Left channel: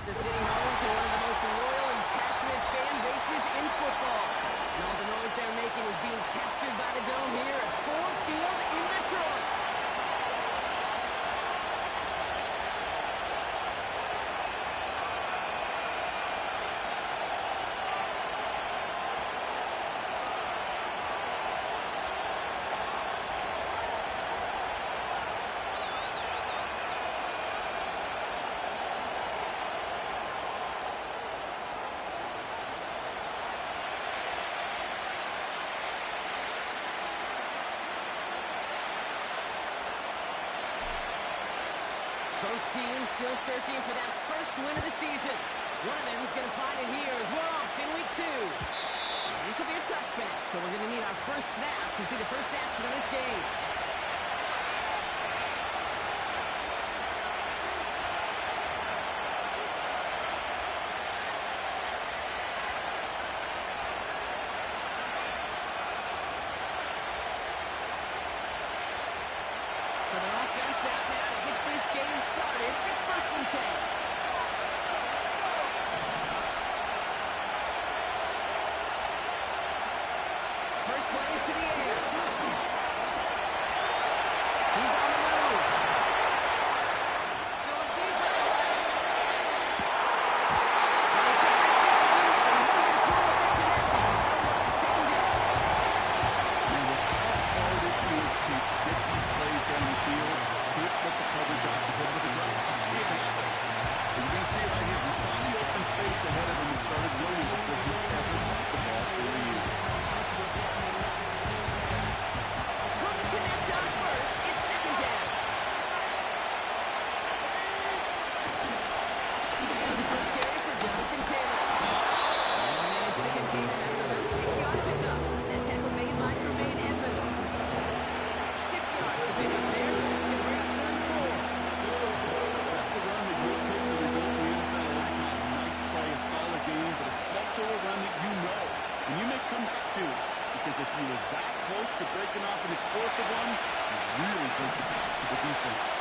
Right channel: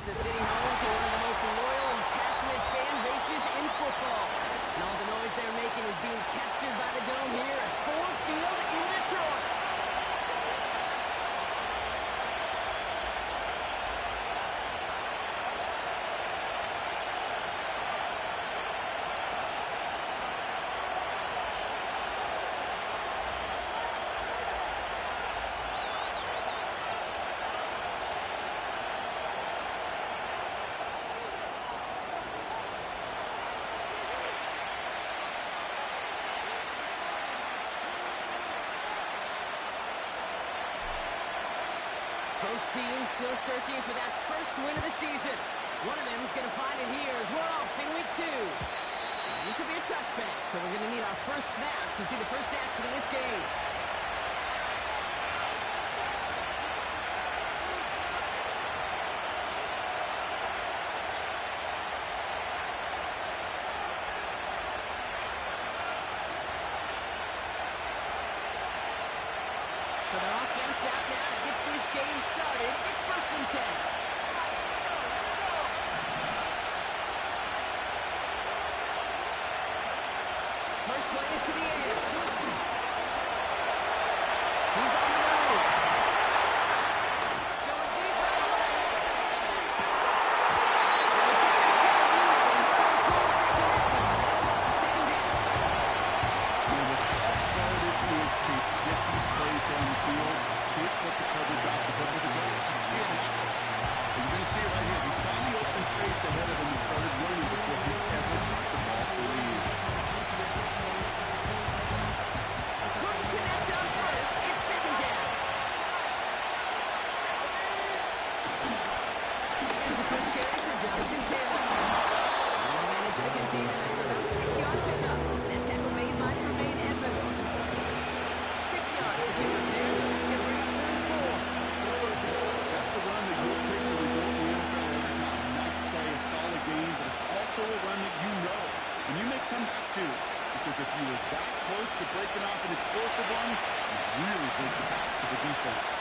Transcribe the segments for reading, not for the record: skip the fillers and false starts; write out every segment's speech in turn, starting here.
It's a city home to one of the most loyal and passionate fan bases in football. And all the noise they're making is being captured by the Dome here at Ford Field in Detroit. Both teams still searching for that first win of the season. One of them is going to find it here as we're off in week 2. This will be a touchback, so we're going to need our first snap to see the first action of this game. So their offense out now to get this game started. It's 1st and 10. First play is to the air. He's on the move. Going deep right away. Well, they took their shot immediately. Would have been cool if they connected. That'll look the second down. And with how hard it is, Kate, to get these plays down the field, can't let the coverage off the hook with a drive. It just can't happen. And you're going to see it right here. He saw the open space ahead of him and started running before he ever got the ball fully in. Couldn't connect on first. It's 2nd down. Here's the first carry for Jonathan Taylor. And they managed to contain him after about a 6-yard pickup. That tackle made by Tremaine Edmonds. 6 yards to pick up there. That's going to bring up 3rd and 4. That's a run that you'll take the result in the NFL every time. Nice play, a solid game, but it's also a run that you know, and you may come back to, because if you were that close to breaking off an explosive one, you really break the backs of the defense.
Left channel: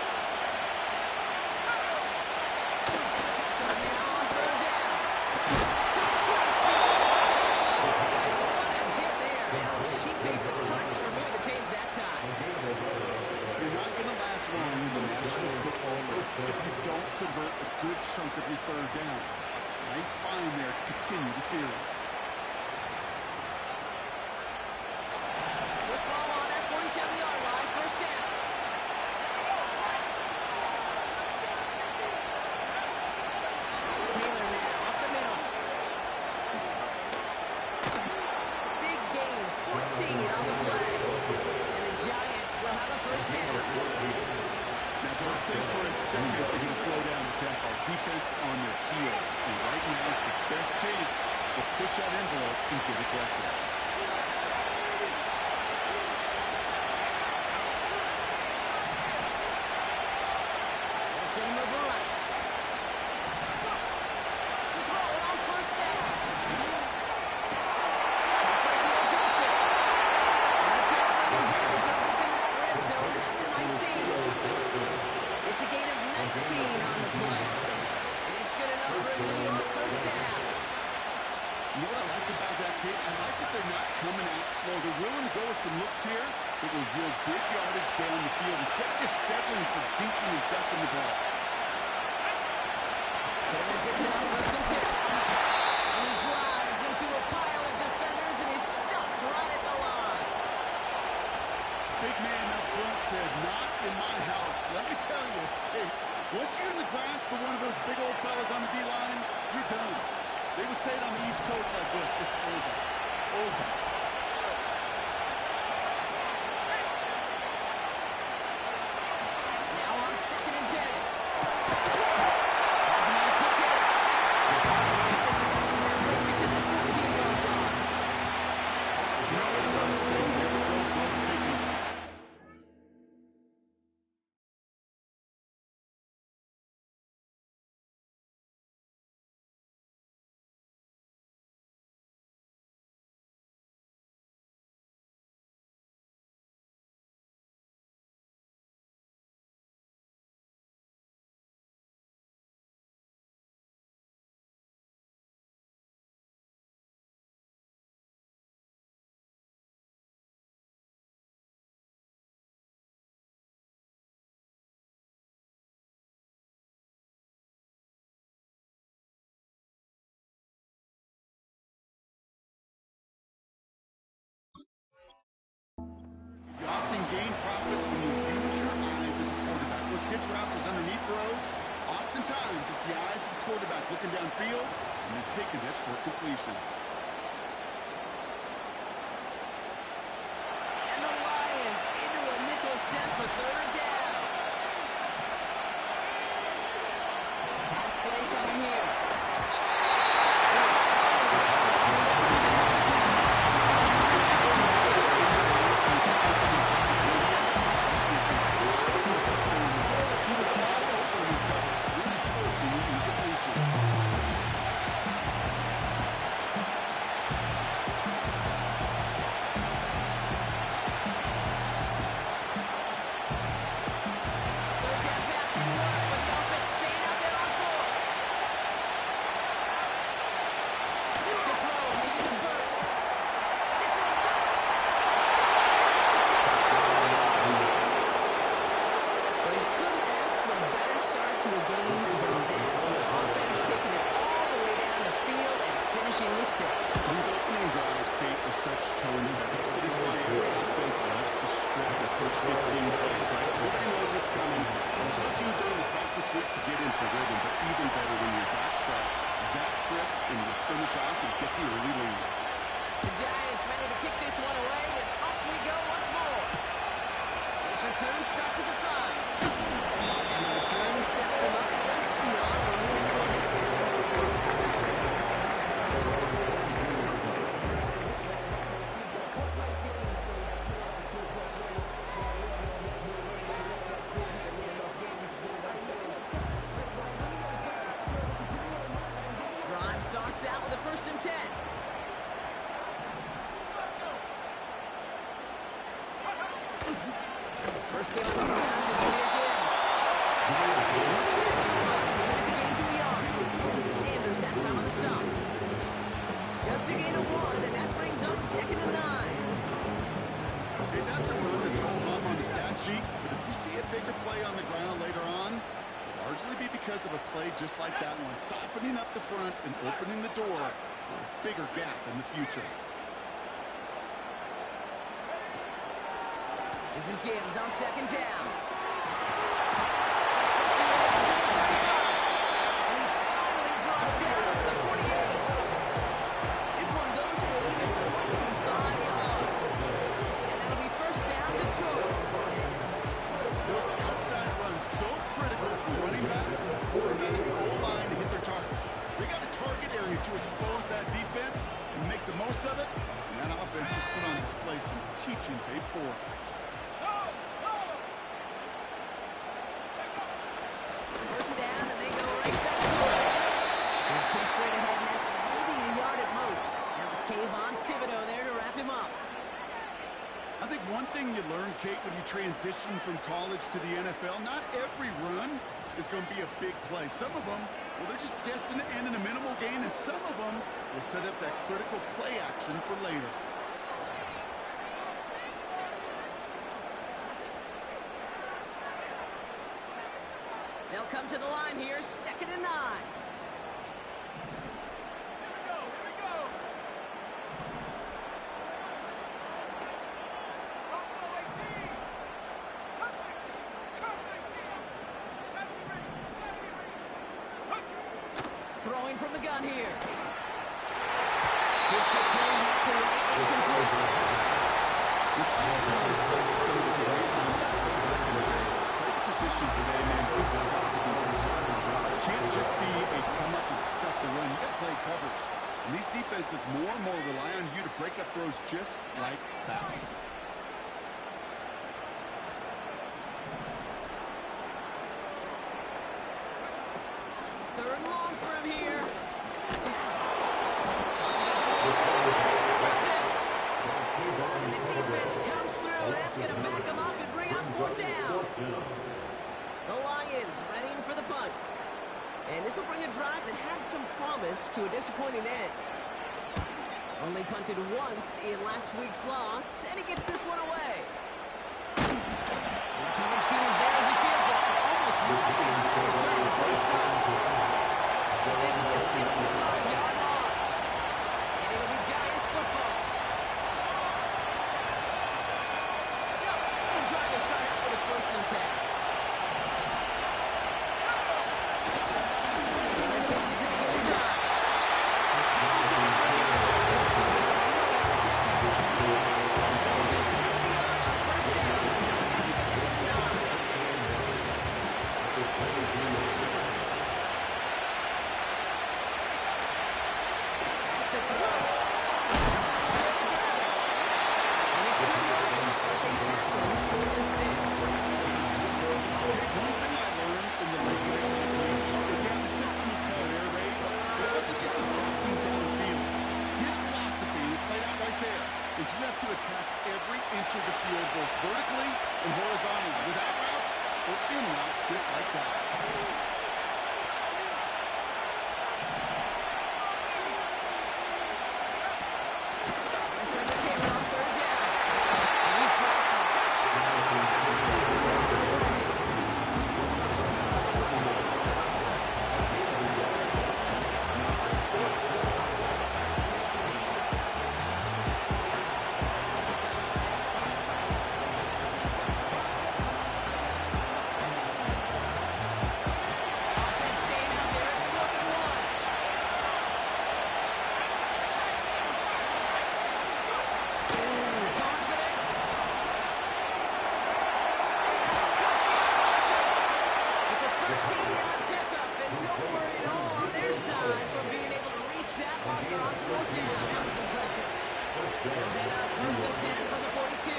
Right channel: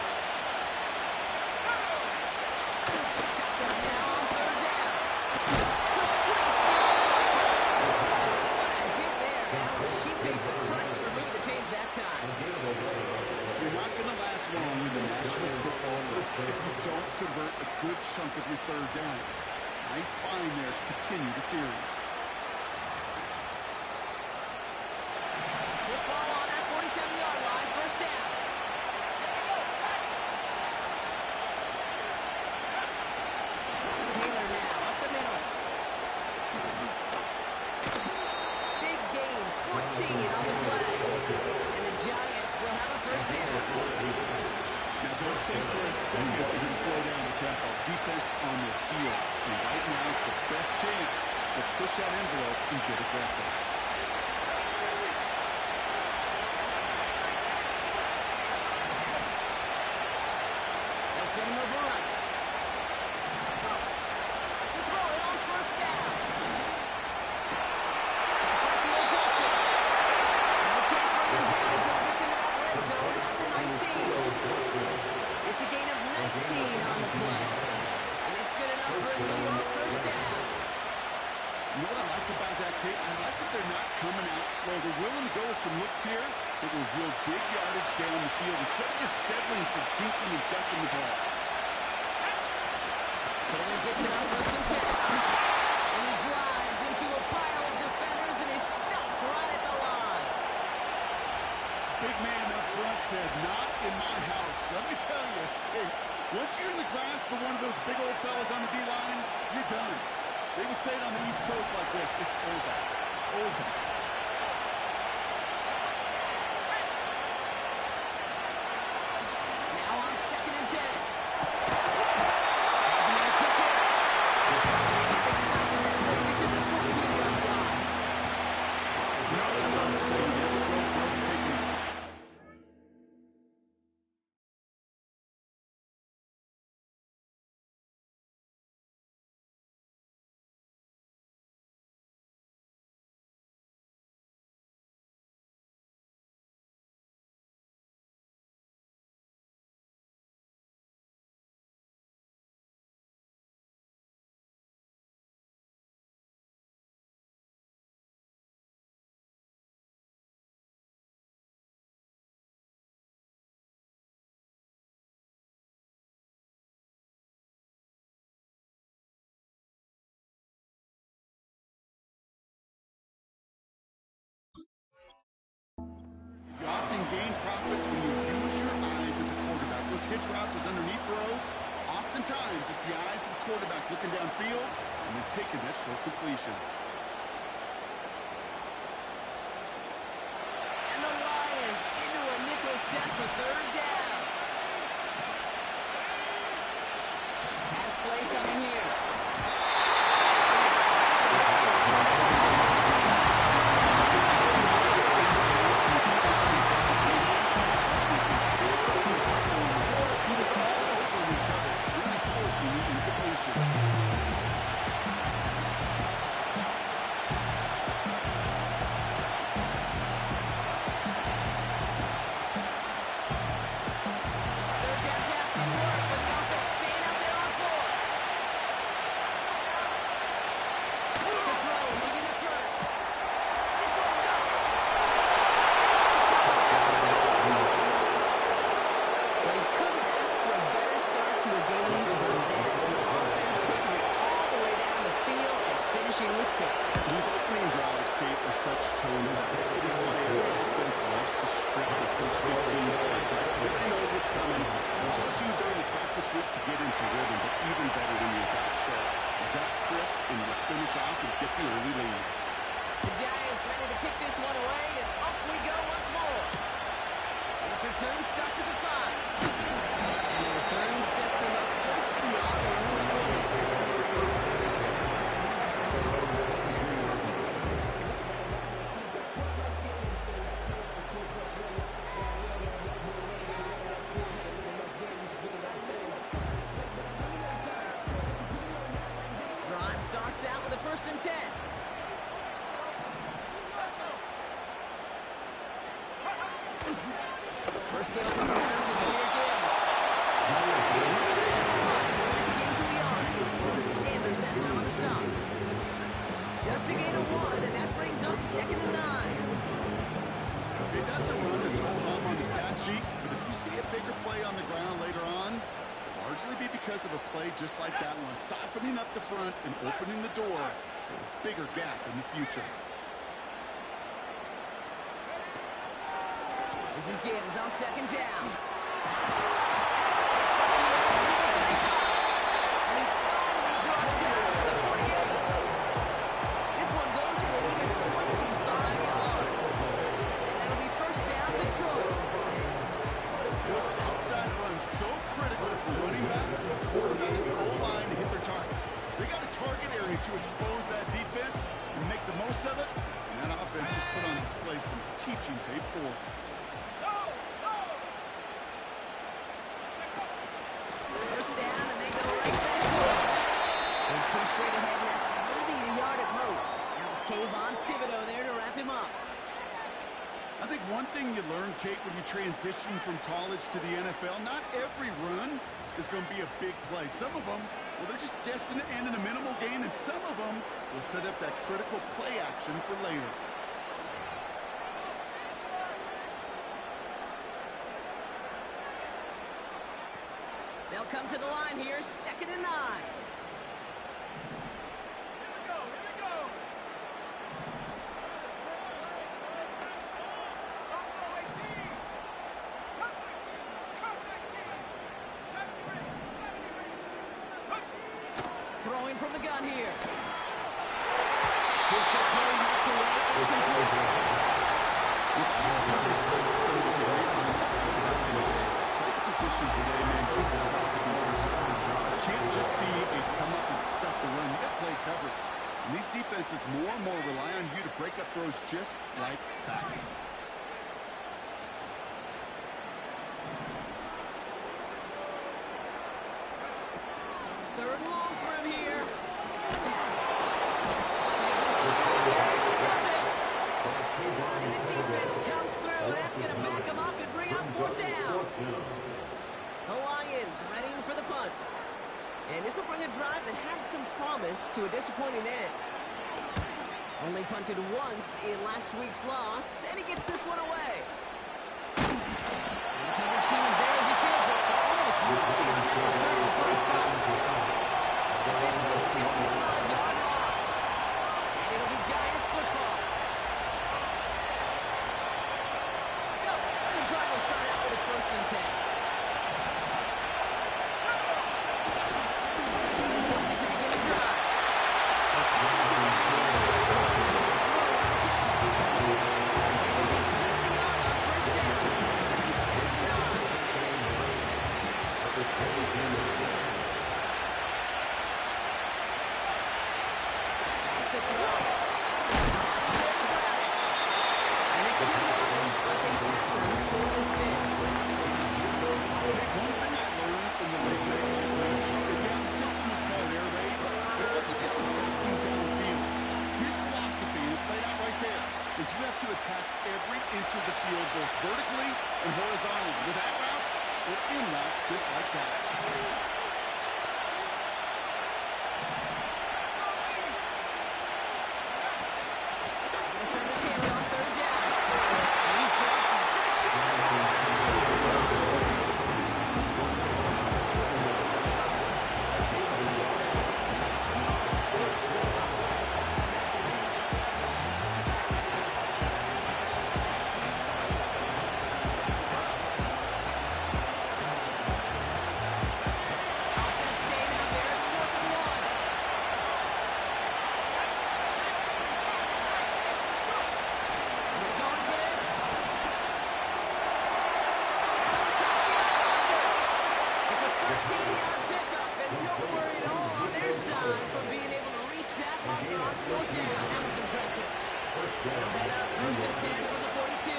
Shotgun now on 3rd down. Complete field. What a hit there. Ouch. She faced the price for moving the chains that time. You're not going to last long in the National Football League if you don't convert a good chunk of your 3rd downs. Nice find there to continue the series. Football on that 47-yard line. 1st down. Taylor now up the middle. Big gain. 14 on the play. And the Giants will have a 1st down. Now don't think for a second they're going to slow down the tempo. Defense on their heels. And right now is the best chance to push that envelope and get aggressive. They'll send him over right. To throw it on 1st down. Frankie Johnson. And they can't bring him down until he gets into that red zone at the 19. It's a gain of 19 on the play. And it's good enough for a New York 1st down. You know what I like about that, Kate? I like that they're not coming out slow. They're willing to go with some looks here that will yield big yardage down the field instead of just settling for dinking and ducking the ball. Taylor gets it on 1st and 10. And he drives into a pile of defenders and is stopped right at the line. Big man up front said, "Not in my house." Let me tell you, Kate, once you're in the grasp of one of those big old fellas on the D-line, you're done. They would say it on the East Coast like this: it's over. Over. Now on 2nd and 10. often gain profits when you use your eyes as a quarterback. Those hitch routes, those underneath throws, oftentimes it's the eyes of the quarterback looking downfield and then taking that short completion. And the Lions into a nickel set for third down. Pass play coming here. These opening drives, Kate, are such tone setters. It is why every offense loves to script the first 15 plays, right? Everybody knows what's coming. Allows you during the practice week to get into rhythm, but even better when you're that sharp, that crisp, and you finish off and get the early lead. The Giants ready to kick this one away, and off we go once more. This return starts at the 5. And the return sets them up just beyond the Route 20. Starts out with a 1st and 10. First game on the ground to Jahmyr Gibbs. To limit the game to a yard. For Sanders that time on the stop. Just a gain of 1, and that brings up 2nd and 9. Okay, that's a run that's all hum on the stat sheet, but if you see a bigger play on the ground later on, largely be because of a play just like that one, softening up the front and opening the door for a bigger gap in the future. This is Gibbs on 2nd down. Gets up the edge to the 35. And he's finally brought down to the 48. This one goes for an even 25 yards. And that'll be 1st down Detroit. Those outside runs so critical for running back, quarterback, and goal line to hit their targets. They got a target area to expose that defense and make the most of it. And that offense just put on display some teaching tape for it. First down, and they go right back to it. He's pushed straight ahead, and that's maybe a yard at most. That was Kayvon Thibodeaux there to wrap him up. I think one thing you learn, Kate, when you transition from college to the NFL, not every run is going to be a big play. Some of them, well, they're just destined to end in a minimal gain, and some of them will set up that critical play action for later. They'll come to the line here, 2nd and 9. Throwing from the gun here. His quick play knocked away, incomplete. With all due respect to some of the great linebackers back in the day, play the position today, man, you've got to be preserved. It can't just be a come up and stuff the run. You got to play coverage. And these defenses more and more rely on you to break up throws just like that. Third and long for him here. And the defense comes through. That's going to back him up and bring up 4th down. The Lions readying for the punt. And this will bring a drive that had some promise to a disappointing end. Only punted once in last week's loss, and he gets this one away. And the coverage team is there as he fields it, so almost looking on that return before he stopped. Officially a 55-yard loss. And it'll be Giants football. drive will start out with a 1st and 10. Gets it to begin the drive. It's just a yard on 1st down. It's going to be 2nd and 9. That's a throw. And it's a good yardage, but they tackle him for the Sticks. One thing I learned from the late night coach is the system was called air raid, but it wasn't just attacking downfield. His philosophy, and it played out right there, is you have to attack every inch of the field, both vertically and horizontally, without routes or in routes, just like that. Return to Taylor on 3rd down. And he's dropped just short of the offense staying out there. It's 4th and 1. They're going for this. That's cut beyond marker. It's a 13-yard pickup, and no worry at all on their side for being able to reach that marker on 4th down. That was impressive. They'll head up 1st and 10 from the 42.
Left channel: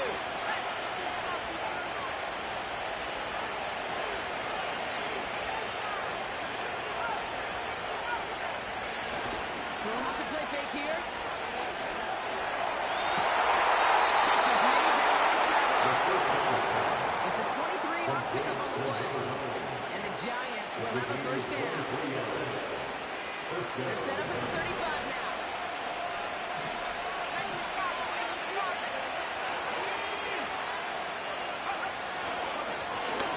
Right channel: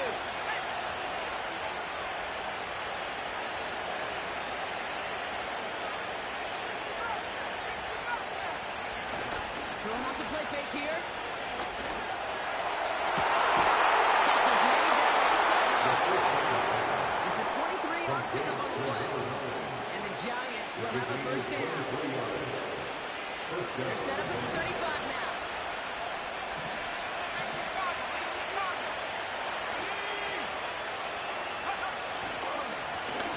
Throwing off the play fake here. Catch is made down the right sideline. It's a 23-yard pickup on the play. And the Giants will have a 1st down. They're set up at the 35 now.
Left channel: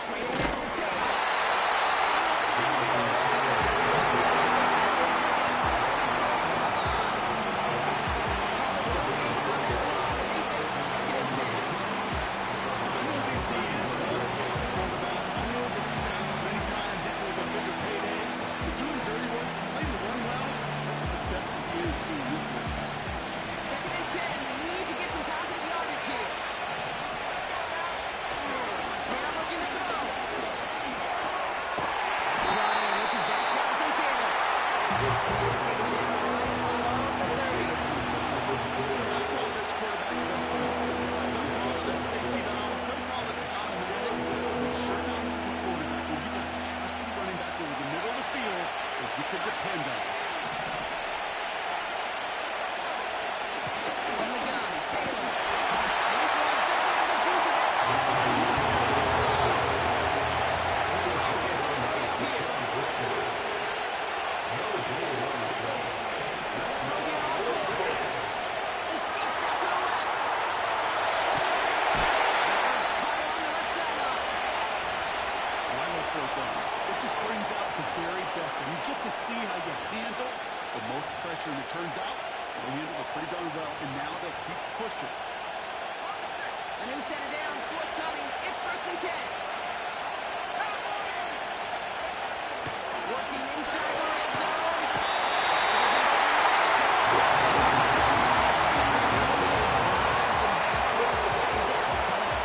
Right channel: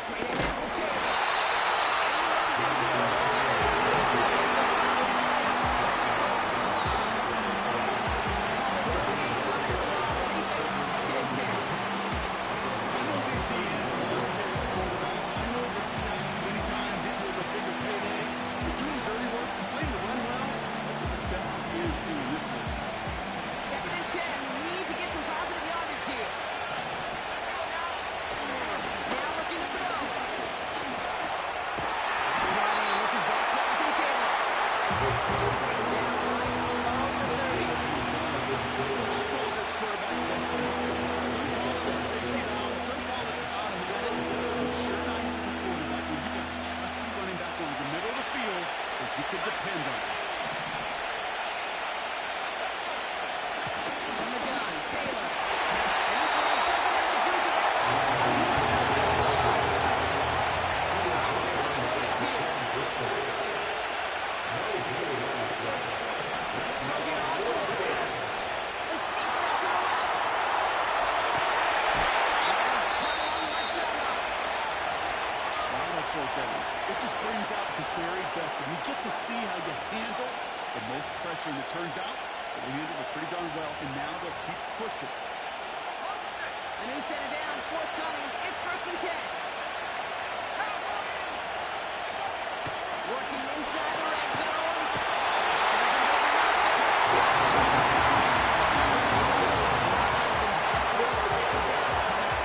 Straight ahead with Taylor. And he runs into a wall there. Multiple defenders ready to stop him on the line. Call it no gain on that run, and they face 2nd and 10. I know these DNs love to get to the quarterback. I know that sacks many times equals a bigger payday. But doing the dirty work, playing the run well, that's what the best DNs do in this league. 2nd and 10. Need to get some positive yardage here. Now looking to throw. Ryan, it's his back, Jonathan Taylor. They can take him down right along the 30. I call this quarterback's best friend. Some call it a safety valve, some call it automatic. It's sure nice as a quarterback when you got a trusty running back over the middle of the field that you can depend on. From the gun, Taylor. And this one doesn't have the juice of that last one. He's stopped at the line. Offense on the hurry up here. Another throw here on 4. Escapes out to the left. That one's caught along the left sideline. I love 4th downs. It just brings out the very best, and you get to see how you handle the most pressure, and it turns out they handled it pretty darn well, and now they'll keep pushing. A new set of downs forthcoming. It's 1st and 10. Working inside the red zone. There's an overlap. Drives them back. 2nd down coming up.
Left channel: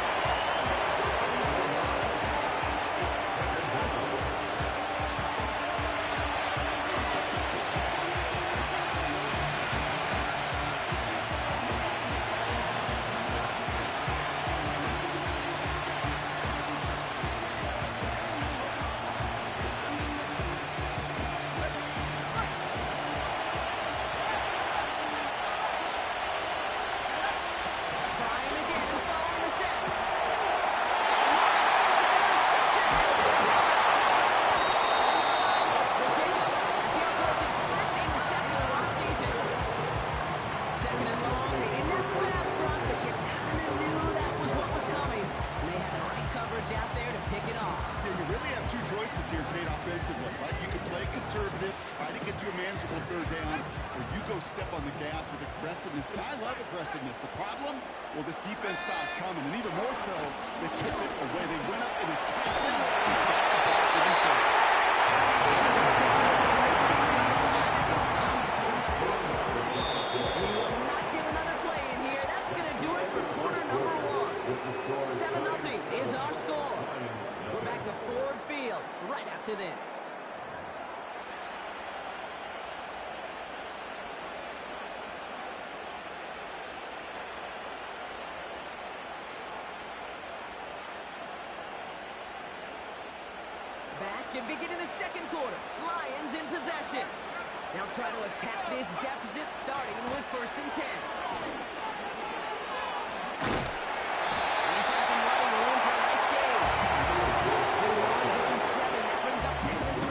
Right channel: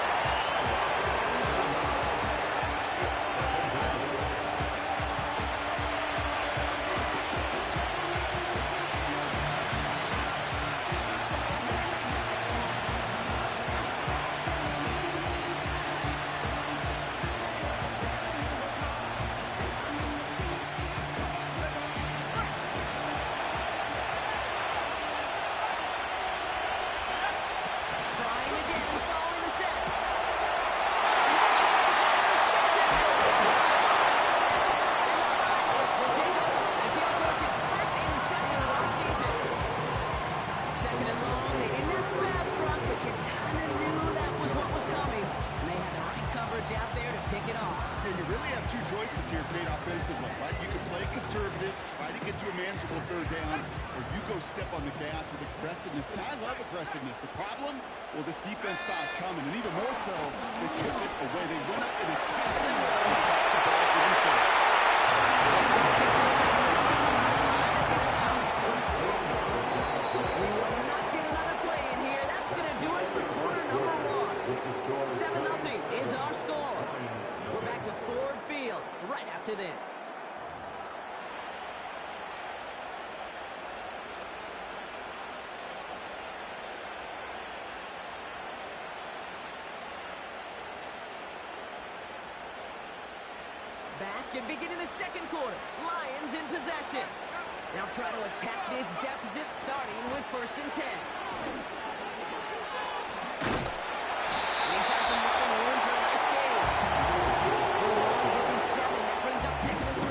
Trying again, following the set. And that is an interception as they drive. And the Lions will take over as he uploads his 1st interception of our season. 2nd and long. They didn't have to pass, Brock, but but you kind of knew that was what was coming. And they had the right coverage out there to pick it off. Yeah, you really have two choices here, Kate, offensively, right? You can play conservative, try to get to a manageable third down, or you go step on the gas with aggressiveness. And I love aggressiveness. The problem? Well, this defense saw it coming, and even more so, they took it away. They went up and attacked it and got the ball for themselves. And he put this over the 13-yard line as he stopped. We will not get another play in here. That's going to do it for quarter number 1. 7-0 is our score. We're back to Ford Field right after this. Back and beginning the second quarter. Lions in possession. They'll try to attack this deficit starting with 1st and 10. And he found some running room for a nice gain. Ron gets him 7. That brings up 2nd and 3.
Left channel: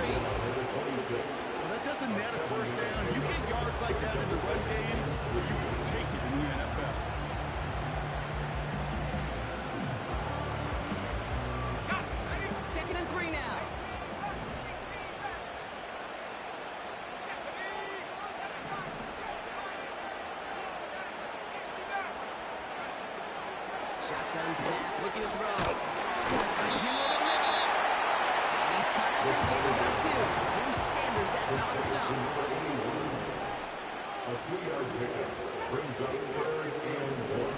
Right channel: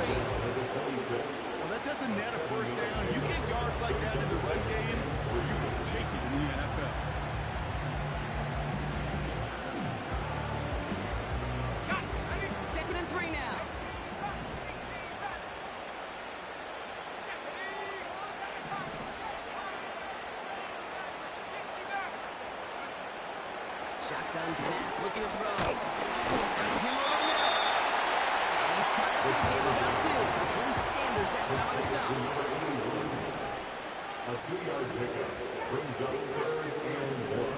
Well, that doesn't net a first down. You get yards like that in the run game, or you will take it in the NFL. Second and 3 now. Shotgun snap, looking to throw. Finds him over the middle. And he's caught up in a game about 2. Drew Sanders that time on the stop. A 2-yard pickup brings up 3rd and 1.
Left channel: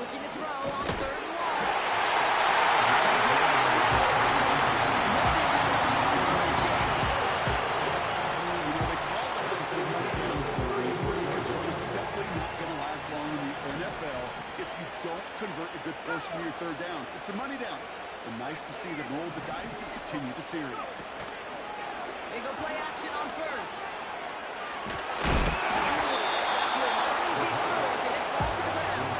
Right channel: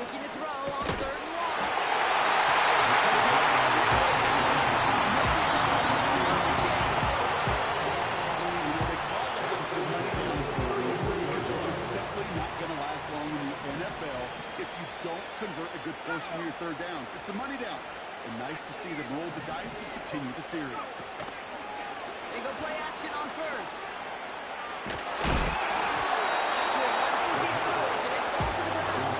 Looking to throw on 3rd and 1. They call that the money down for a reason, because you're just simply not going to last long in the NFL if you don't convert a good portion of your third downs. It's a money down. And nice to see them roll the dice and continue the series. They go play action on 1st. To him right as he threw it, and it falls to the ground.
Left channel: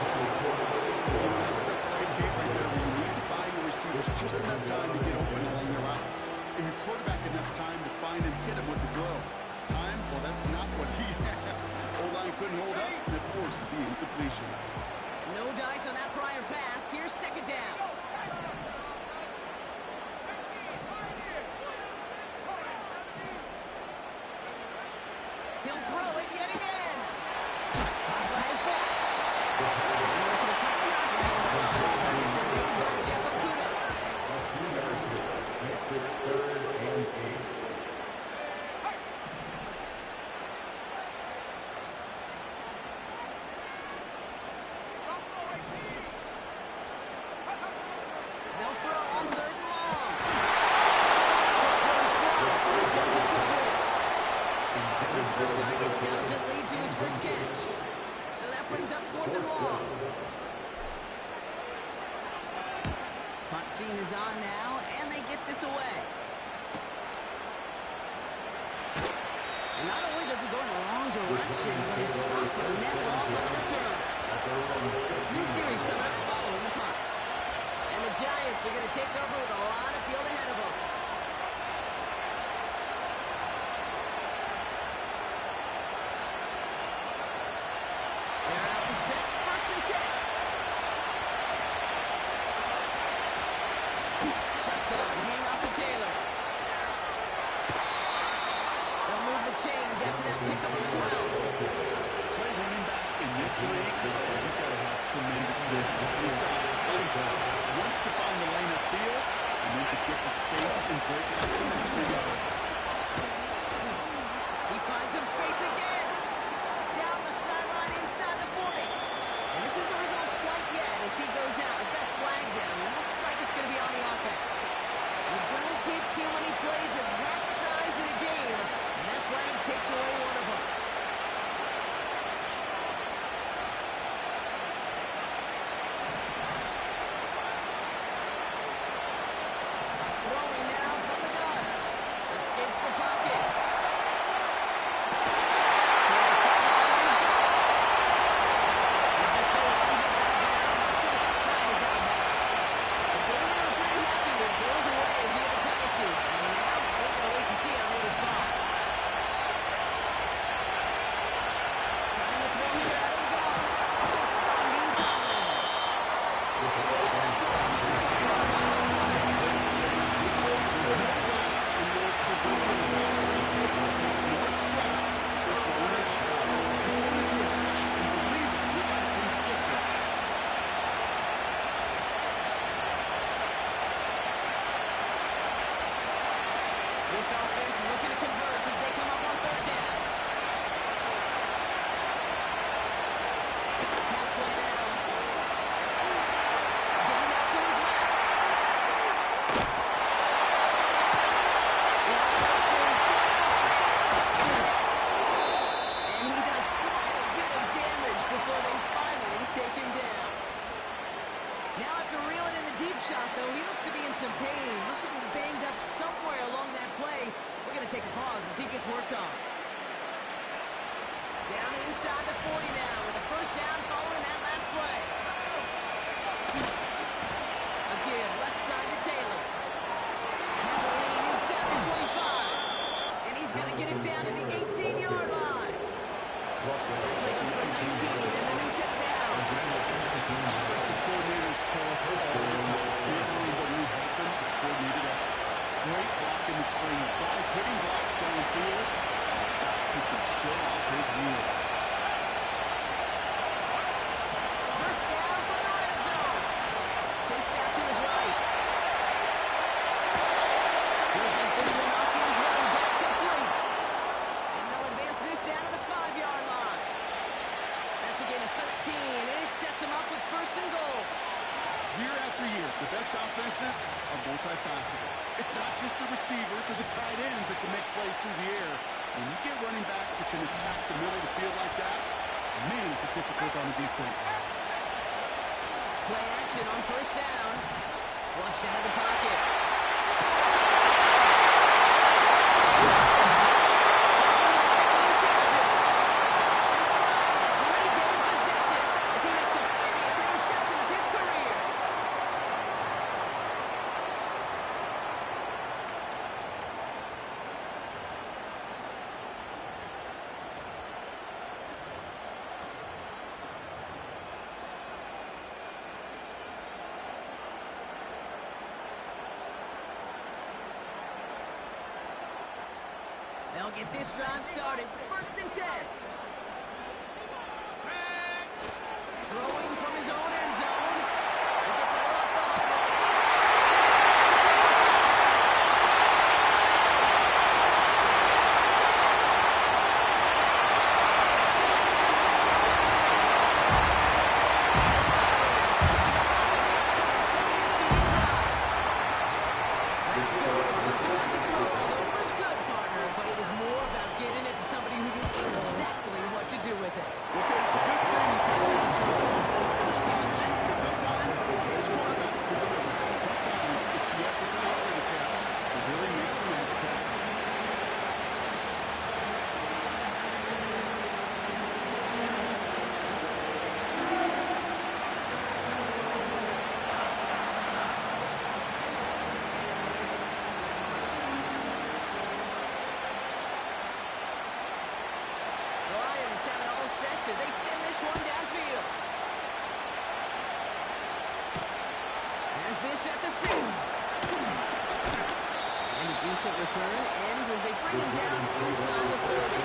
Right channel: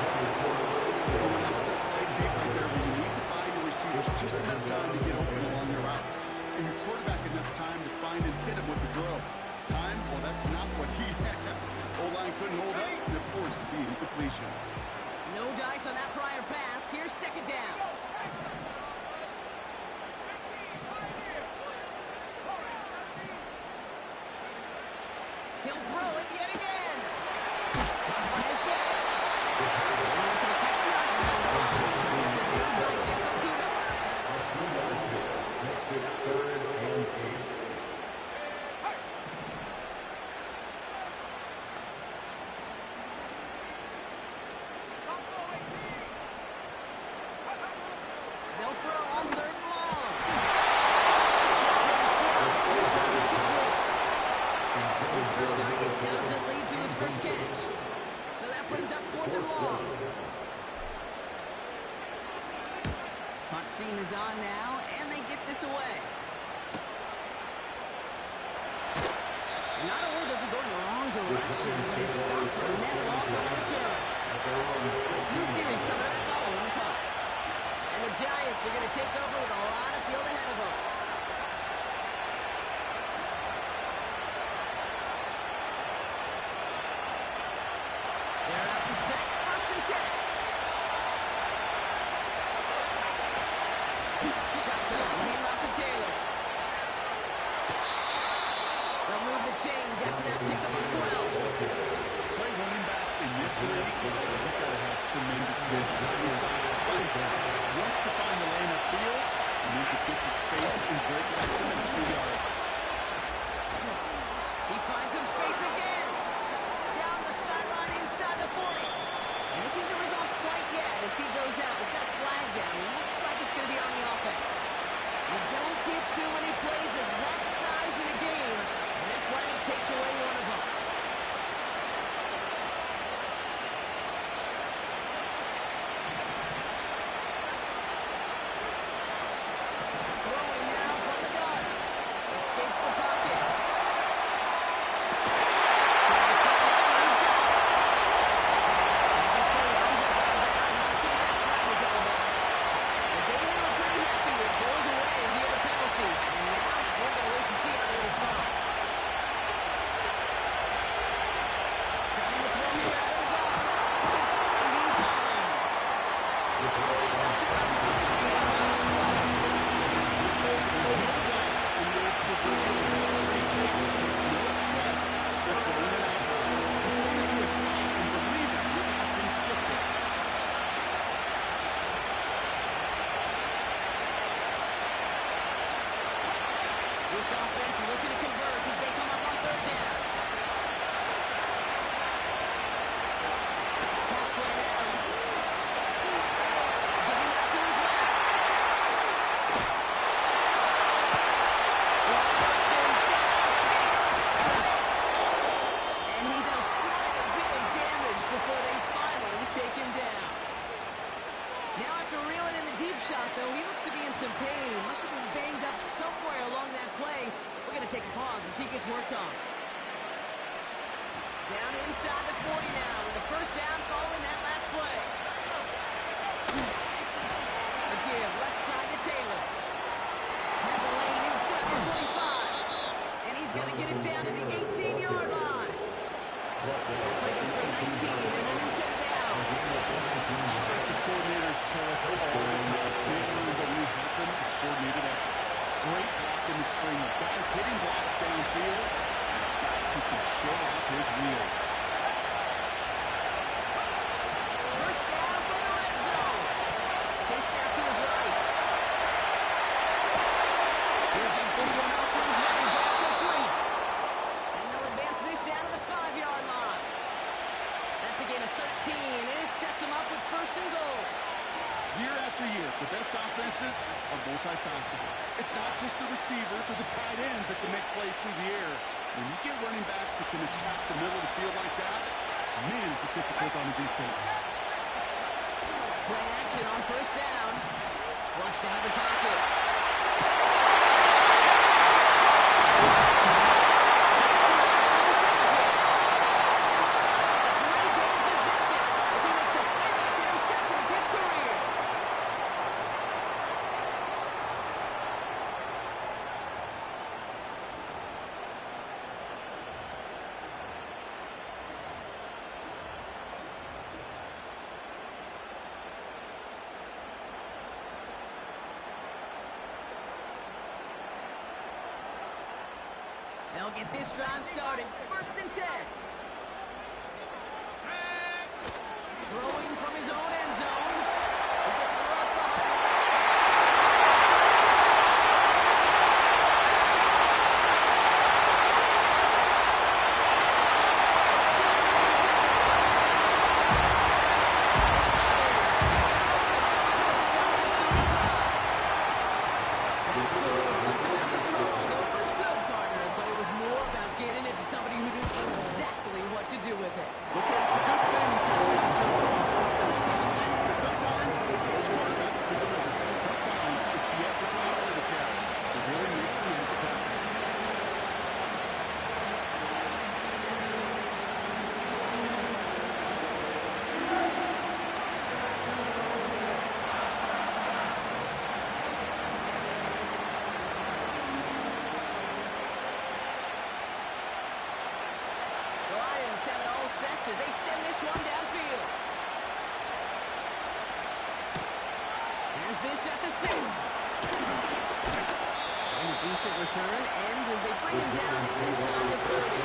That was a play, Kate, right there where you need to buy your receivers just enough time to get open along their routes. And your quarterback enough time to find and hit him with the throw. Time? Well, that's not what he had. O-line couldn't hold up, and it forces the incompletion. No dice on that prior pass. Here's 2nd down. He'll throw it yet again. Caught by his back. Working a couple yards past the line. Taken made by Jeff Okudah. A 2-yard pickup makes it 3rd and 8. They'll throw on 3rd and long. Short throw is close. This one's incomplete. His first target doesn't lead to his first catch. So that brings up 4th and long. Punt team is on now, and they get this away. And not only does he go in the wrong direction, but he's stopped for a net loss on the return. New series coming up following the punt. And the Giants are going to take over with a lot of field ahead of them. They're out and set, 1st and 10. Shotgun, hand off to Taylor. They'll move the chains after that pickup of 12. To play running back in this league, you've got to have tremendous vision. We saw it twice. Once to find the lane upfield, and then to get to space and break out some extra yards. He finds some space again. Down the sideline inside the 40. And this isn't resolved quite yet as he goes out. We've got a flag down. Looks like it's going to be on the offense. You don't get too many plays of that size in a game, and that flag takes away one of them. Throwing now from the gun. Escapes the pocket. To the sideline, he's got it. As this play runs up out of bounds, let's see what that flag is all about. This offense looking to convert as they come up on third down. Pass play down. Getting out to his left. Wide open downfield. And he does quite a bit of damage before they finally take him down. Now after reeling in the deep shot, though, he looks to be in some pain. Must have been banged up somewhere along that play. We're going to take a pause as he gets worked on. Down inside the 40 now with a first down following that last play. A give left side to Taylor. Has a lane inside the 25. And he's going to get it down to the 18-yard line. That play was for 19 and a new set of downs. Offensive coordinators tell us all the time, big runs only happen with coordinated efforts. Great block in the spring. Guys hitting blocks downfield. A guy who can show off his wheels. First down from the red zone. Chased out to his right. He'll take this one off to his running back, complete. And they'll advance this down to the 5-yard line. That's a gain of 13, and it sets them up with first and goal. Year after year, the best offenses are multifaceted. It's not just the receivers or the tight ends that can make plays through the air. When you get running backs that can attack the middle of the field like that, man, is it difficult on the defense. Play action on first down. Flushed out of the pocket. They'll get this drive started. First and 10. Throwing from his own end zone. He gets a lot behind Martin. That score was less about the throw, although it was good, partner, but it was more about getting it to somebody who knew exactly what to do with it. Okay, it's a good thing the touchdown shows up on the stat sheets, because sometimes it's quarterback who delivers, and sometimes it's the effort after the catch that really makes the magic happen. The Lions have it all set as they send this one downfield. Has this at the 6. And a decent return ends as they bring him down inside the 30.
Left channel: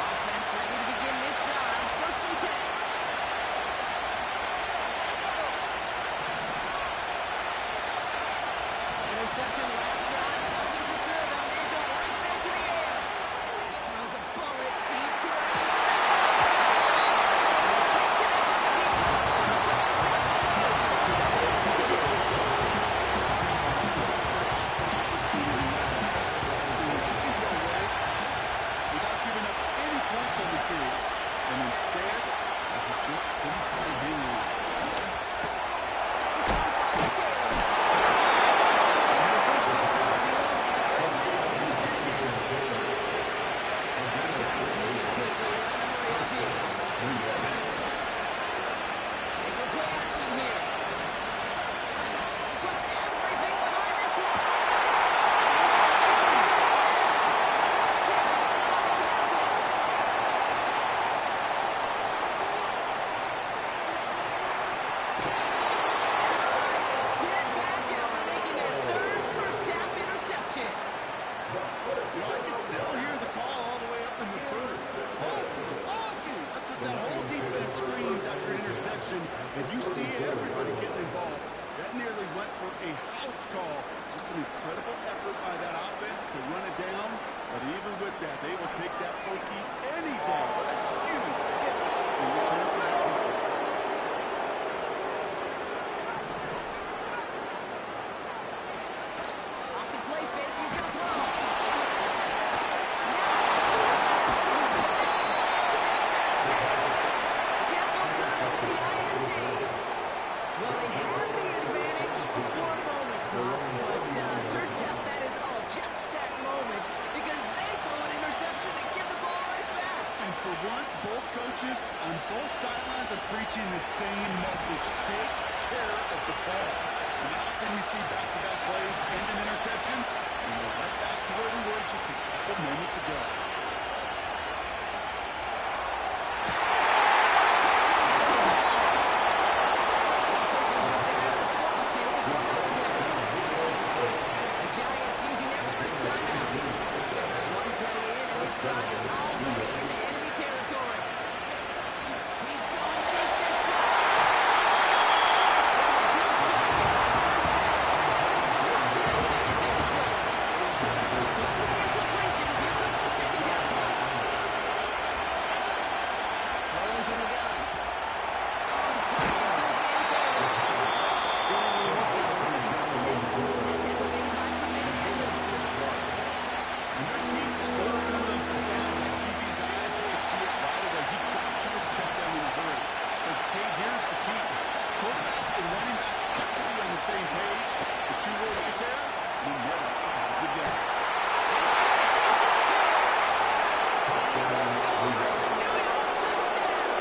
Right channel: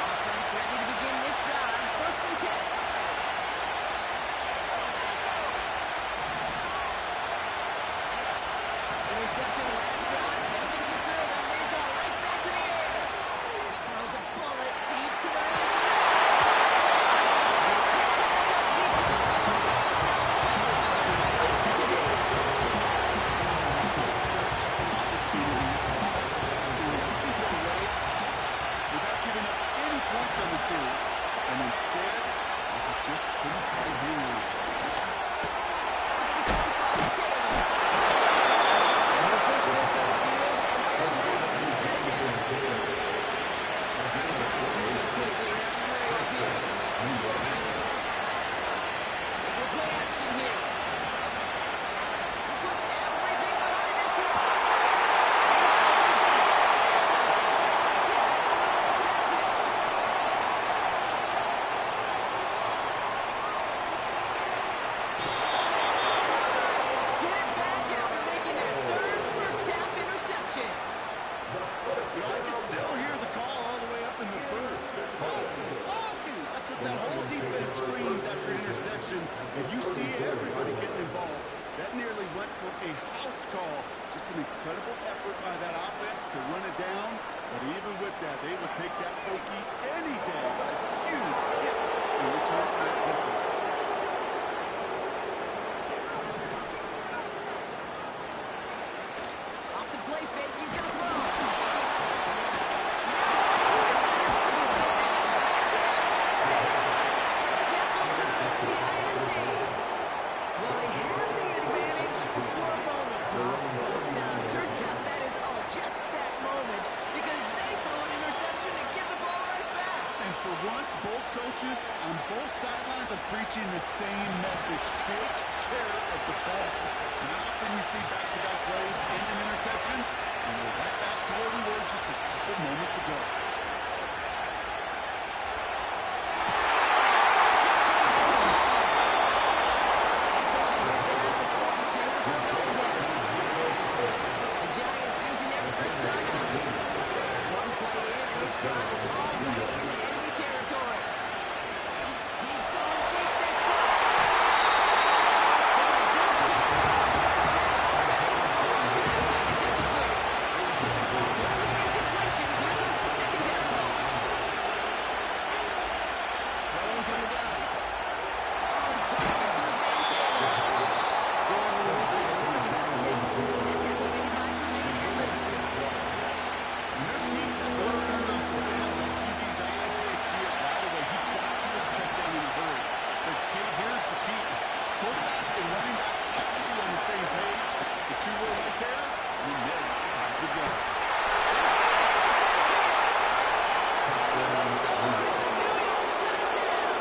Offense ready to begin this drive. First and 10. Interception last drive doesn't deter them. They go right back to the air. He throws a bullet deep to the right side. And he can't connect on the deep post. That's what they do. It was such an opportunity lost. Looking for a way out without giving up any points on the series. And instead, he just couldn't quite hang on. This one finds Taylor. And he'll push this upfield and earn that when you set it down. Giants moving quickly. They're in a hurry up here. They go play action here. He puts everything behind this one. Now they can hit again. Terry Arnold has it. And you see everybody getting involved. That nearly went for a house call. Just an incredible effort by that offense to run it down. But even with that, they will take that pokey any day. What a huge hit in return for that defense. Off the play fake, he's going to throw. Now he's intercepted. Back-to-back passes. Jeff Okudah with the INT. Well, they had the advantage for a moment, Bob, but turns out that is all just that moment because they throw an interception and give the ball right back. And for once, both coaches on both sidelines are preaching the same message. Take care of the ball. Not often you see back-to-back plays end in interceptions, and we're right back to where we were just a couple moments ago. He pushes this thing out of the 42 before going there. The Giants using their first timeout. One play in, and this drive is already into enemy territory. He's going deep this time. Taking a deep shot there on first down. Well connected. It's incomplete. So after the incompletion, here comes the second down ball. Throwing from the gun. On target to his man Taylor. Going over the week there. Looks like about 6. That tackle made by Tremaine Edmonds. And there's heat that goes coming off the snap. That QB's eyes, you can see it right away. He got to his check down in a hurry. But, Kate, here's the key. Quarterback and running back have to be on the same page. The two were right there. And then it's a positive guy. He's got it deep downfield. And he will score. It's a New York touchdown.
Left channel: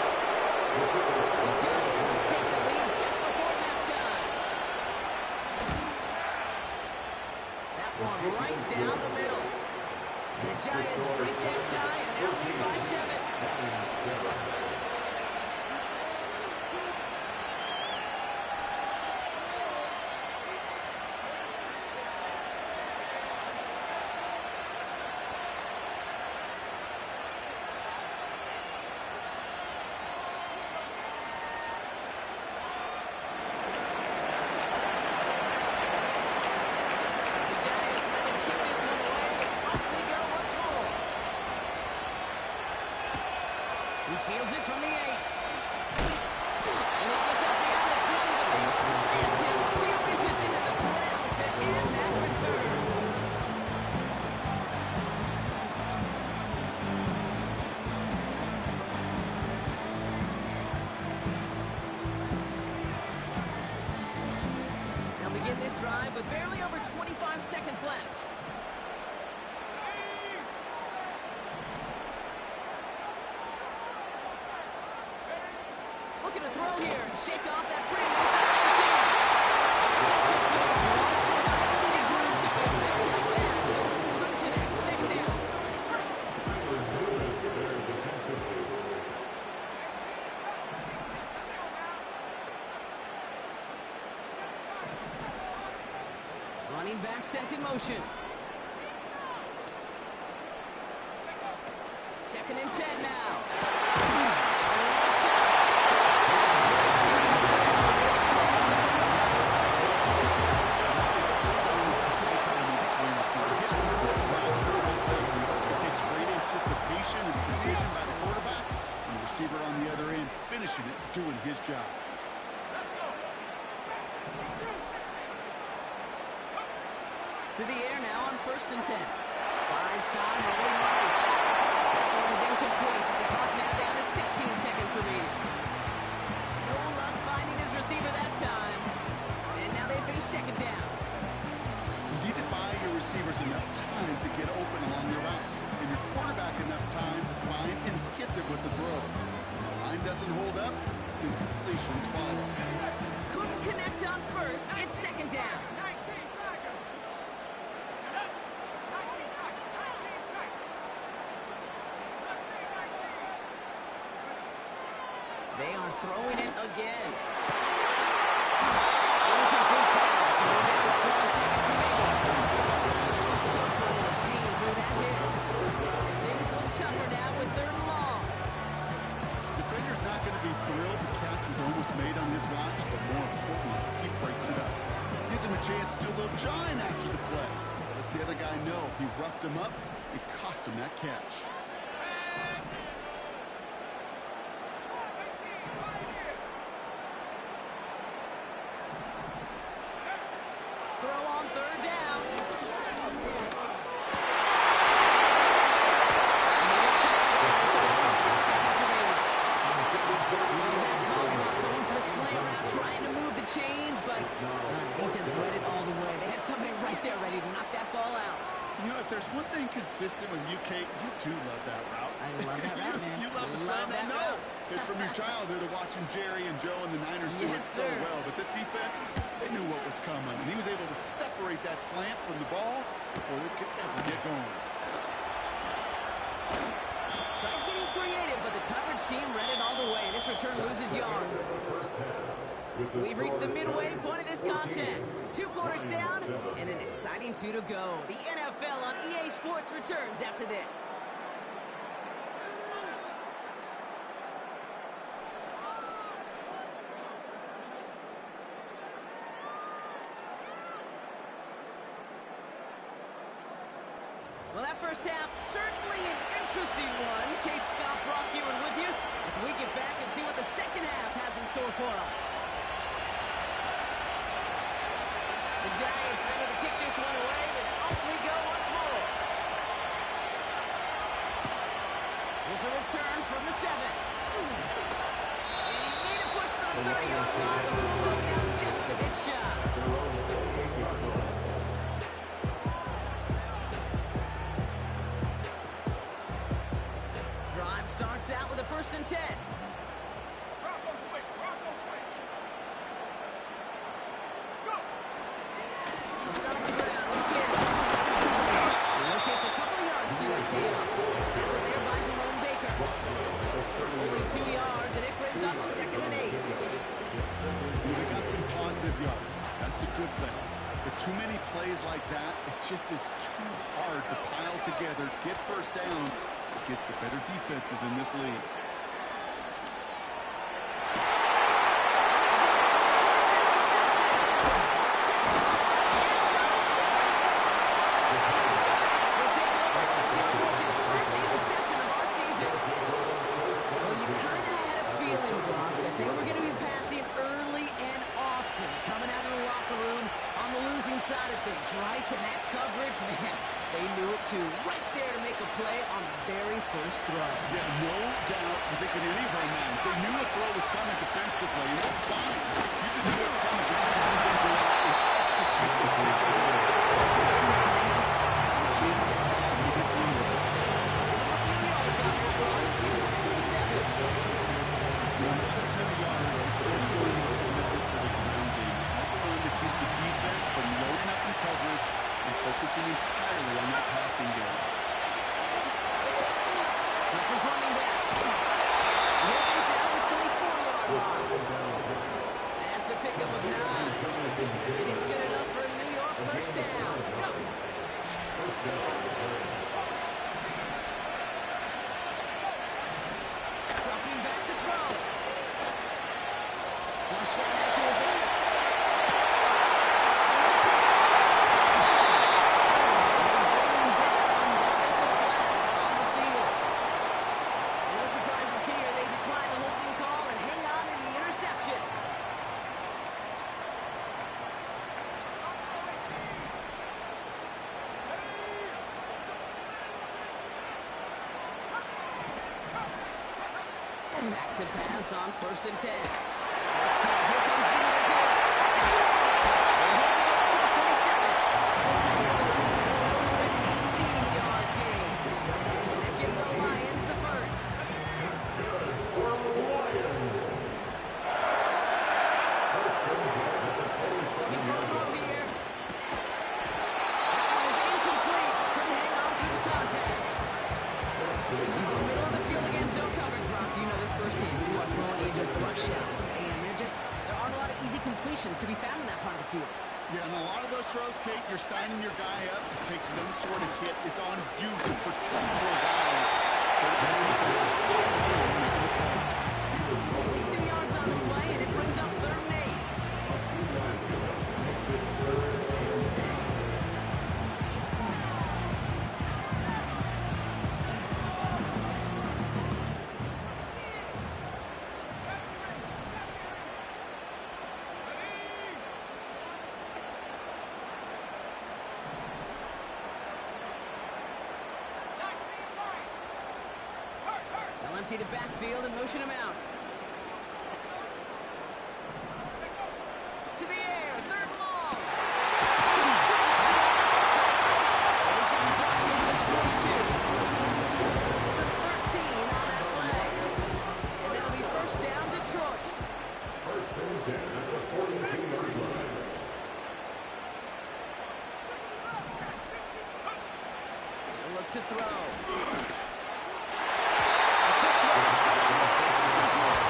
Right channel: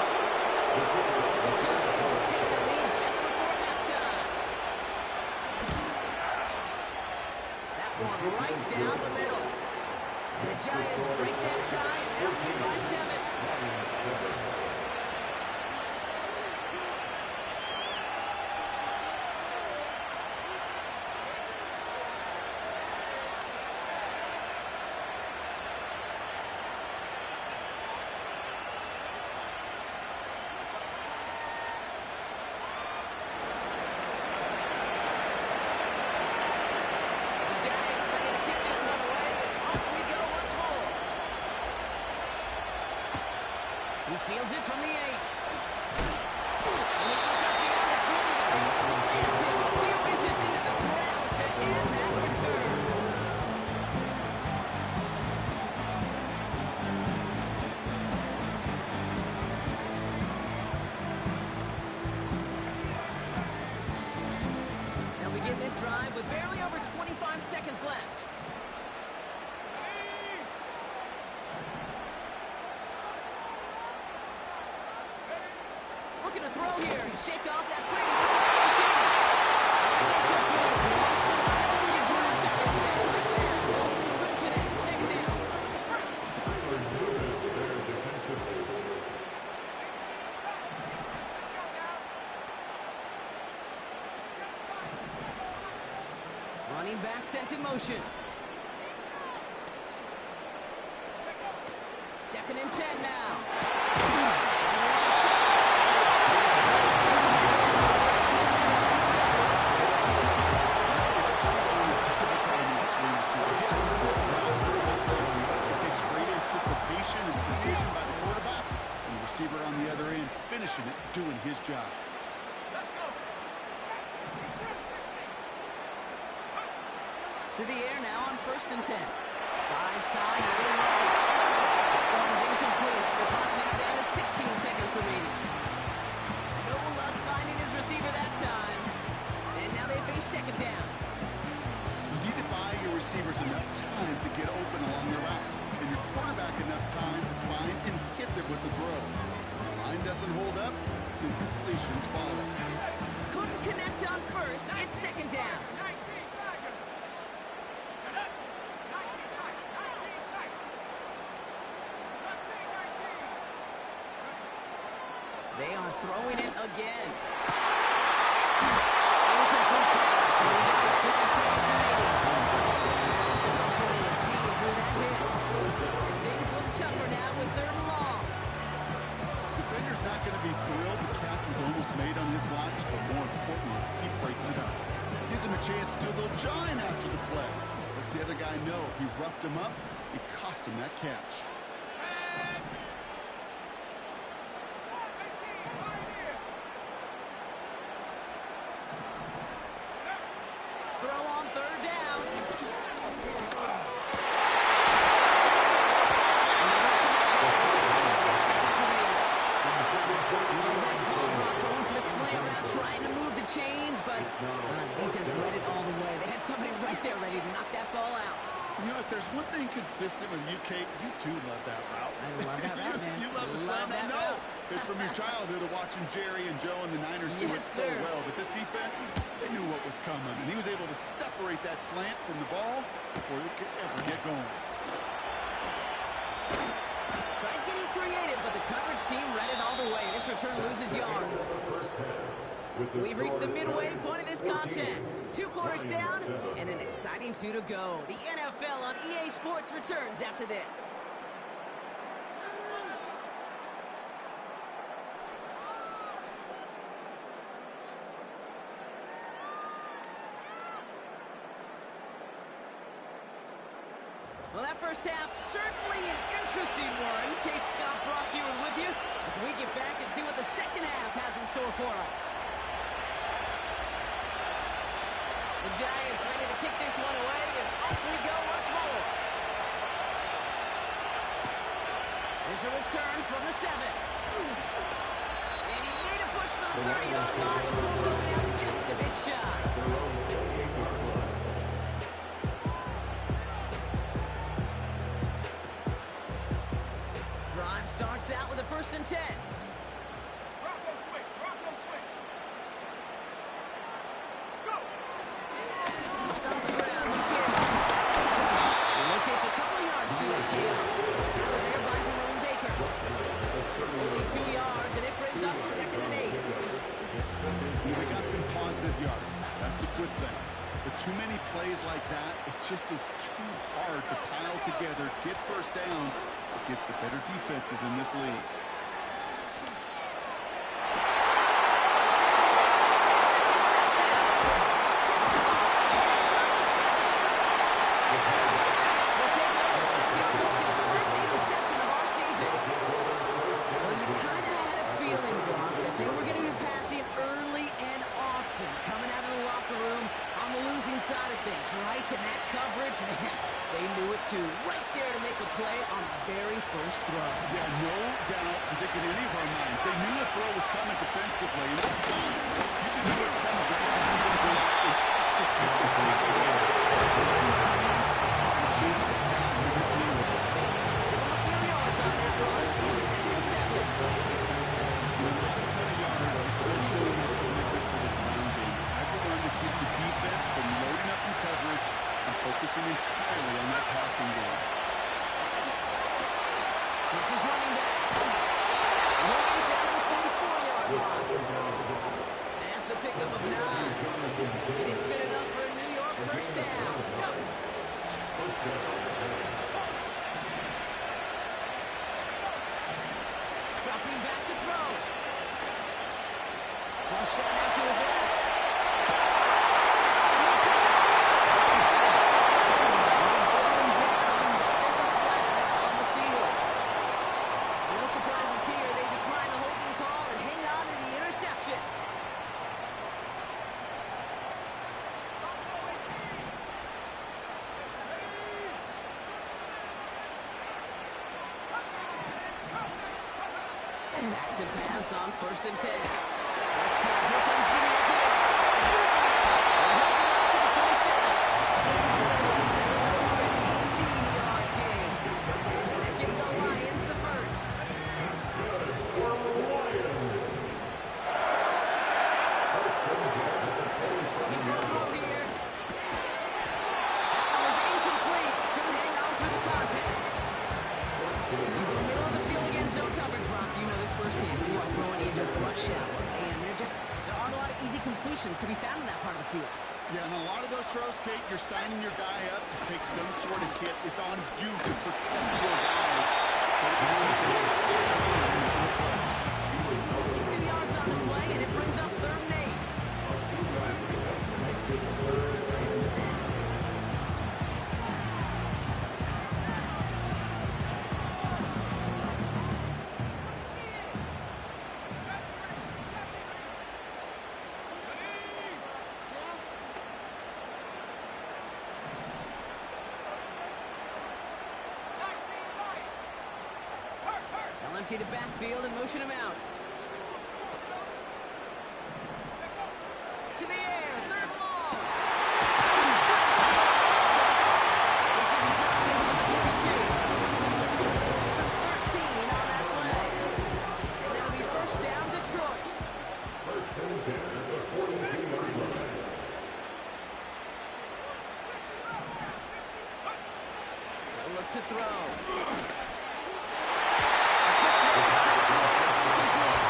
The Giants take the lead just before halftime. That one right down the middle. And the Giants break that tie and now lead by 7. The Giants ready to kick this one away, and off we go once more. He fields it from the 8. And he gets up beyond the 20, but they plant him a few inches into the ground to end that return. They'll begin this drive with barely over 25 seconds left. Looking to throw here and shake off that previous INT. That's incomplete. Pretty aggressiveness there like that. But couldn't connect. Second down. There defensively. Running back sent in motion. 2nd and 10 now. On the outside. It takes great anticipation and precision by the quarterback, and the receiver on the other end finishing it, doing his job. To the air now on 1st and 10. Buys time, early right. That one is incomplete. The clock now down to 16 seconds remaining. No luck finding his receiver that time. And now they face 2nd down. You need to buy your receivers enough time to get open along their route, and your quarterback enough time to find and hit them with the throw. The line doesn't hold up, incompletions follow. Couldn't connect on 1st. It's 2nd down. They are throwing it again. Incomplete pass. And we're down to 12 seconds remaining. Tough one to retain through that hit. And things look tougher now with 3rd and long. Defender's not going to be thrilled. The catch was almost made on his watch, but more importantly, he breaks it up. Gives him a chance to do a little giant after the play. Lets the other guy know he roughed him up. It cost him that catch. Throw on third down. And they don't connect there. There's only 6 seconds remaining. Love that call, Brock, going for the slant route, trying to move the chains, but the defense read it all the way. They had somebody right there ready to knock that ball out. You know, if there's one thing consistent with you, Kate, you too love that route. I love that route, man. You love the slant. I know. It's from your childhood of watching Jerry and Joe and the Niners do it so well. But this defense, they knew what was coming, and he was able to separate that slant from the ball before they could ever get going. Tried getting creative, but the coverage team read it all the way. This return loses yards. We've reached the midway point of this contest. 2 quarters down and an exciting 2 to go. The NFL on EA Sports returns after this. Well, that first half, certainly an interesting one. Kate Scott, Brock Huard with you as we get back and see what the second half has in store for us. The Giants ready to kick this one away, and off we go once more. Here's a return from the 7. And he made a push for the 30-yard line before going out just a bit shy. Drive starts out with a 1st and 10. Rocco switch, Rocco switch. Go! Start on the ground, he gives. He locates a couple of yards through that chaos. Tackled there by Jerome Baker. Only 2 yards, and it brings up 2nd and 8. They got some positive yards. That's a good thing. But too many plays like that, it just is too hard to pile together, get first downs against the better defenses in this league. Side of things, right? And that coverage, man, they knew it too. Right there to make a play on the very first throw. Yeah, no doubt. I think in any of our minds, they knew a throw was coming defensively, and that's fine. You can know it's coming, but you can go out and execute and take it away. A chance to add to this lead. A few yards on that run. 2nd and 7. Not a ton of yards, but still showing a commitment to the ground game. The type of run that keeps the defense from loading up in coverage and focusing entirely on that passing game. It's his running back. Moving down to the 24-yard line. That's a pickup of 9. And it's good enough for a New York first down. Dropping back to throw. Flush down out to his left. And they pick him up. And they bring him down, but there's a flag on the field. No surprises here. They decline the holding call and hang on to the interception. Back to pass on 1st and 10. Let's call. Here comes Jahmyr Gibbs. They hold it out to the 27. An 18-yard gain. And that gives the Lions the first. That's good for the Lions. Looking for a throw here. That one was incomplete. Couldn't hang on through the contact. You go middle of the field against zone coverage, Brock. You know this firsthand. You are throwing into rush hour, and there aren't a lot of easy completions to be found in that part of the field. Yeah, and a lot of those throws, Kate, you're signing your guy up to take some sort of hit. It's on you to protect your guys. But that defense is sliding around and making the play. Only 2 yards on the play, and it brings empty the backfield and motion him out. To the air, third and long. And he's going to be brought down at the 42. Given 13 on that play. And that'll be first down, Detroit. First and 10 at the 42-yard line. He'll look to throw. A quick throw to sideline, incomplete.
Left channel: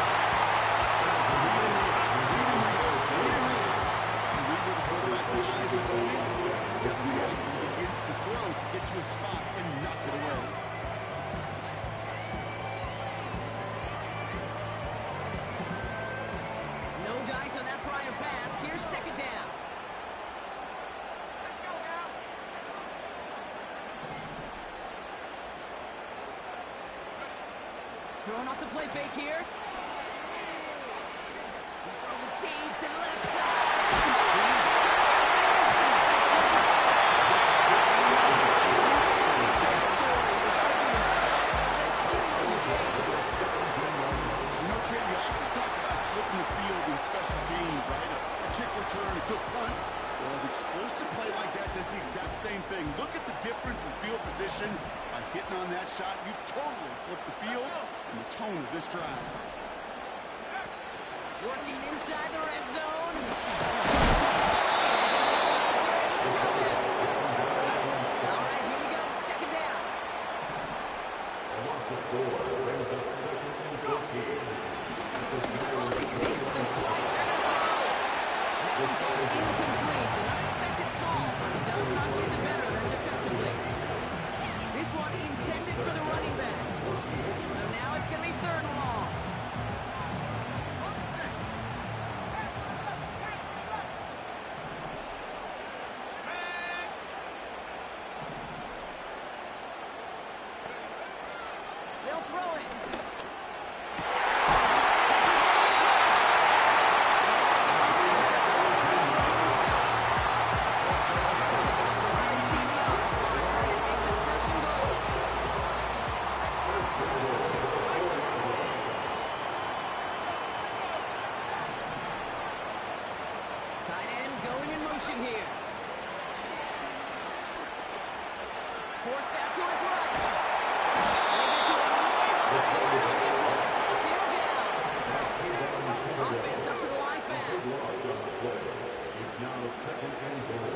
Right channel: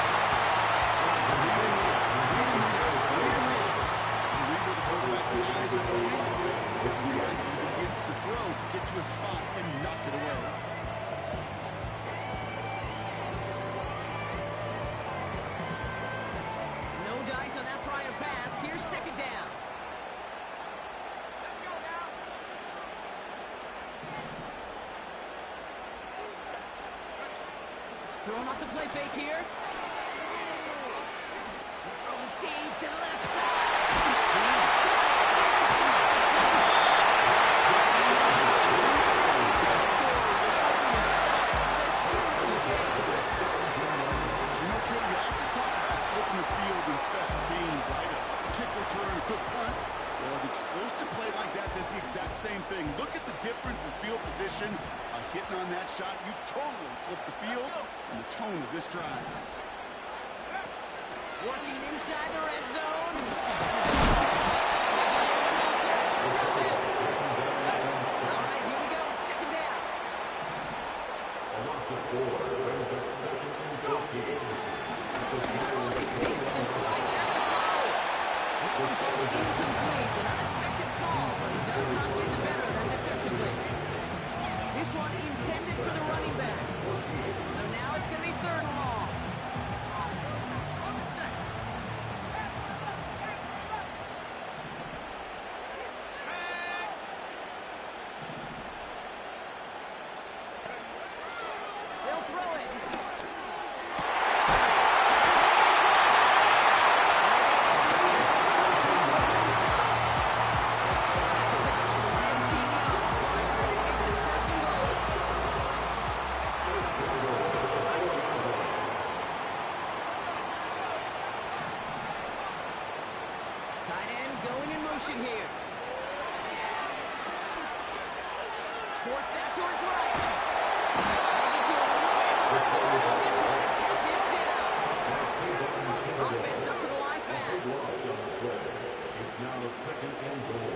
Begins to throw to get to a spot and knock it away. No dice on that prior pass. Here's second down. Let's go now. Throwing off the play fake here. He's throwing deep to the left side. He's got it inside the 25. He's in enemy territory. Being stopped on a huge game. You know, Kid, you have to talk about flipping the field in special teams, right? A kick return, a good punt. Well, an explosive play like that does the exact same thing. Look at the difference in field position. By hitting on that shot, you've totally flipped the field and the tone of this drive. Working inside the red zone. There's a man out there and he's dropped it. All right, here we go. Second down. A loss of 4 brings up second and 14. Oh, he fakes the spike. They're going to throw. That one falls incomplete. An unexpected call, but he does not get the better of them defensively. This one intended for the running back. So now it's going to be third and long. On the set. Back. They'll throw it. Catches one in close. And they're going to get this down the field and stopped. That's a pickup of 17 yards. Barker, and it makes it first and goal. Tight end going in motion here. Forced out to his right. And they get to him way behind the line on this one and take him down. Offense up to the line fast. Loss on the play. It's now second and goal.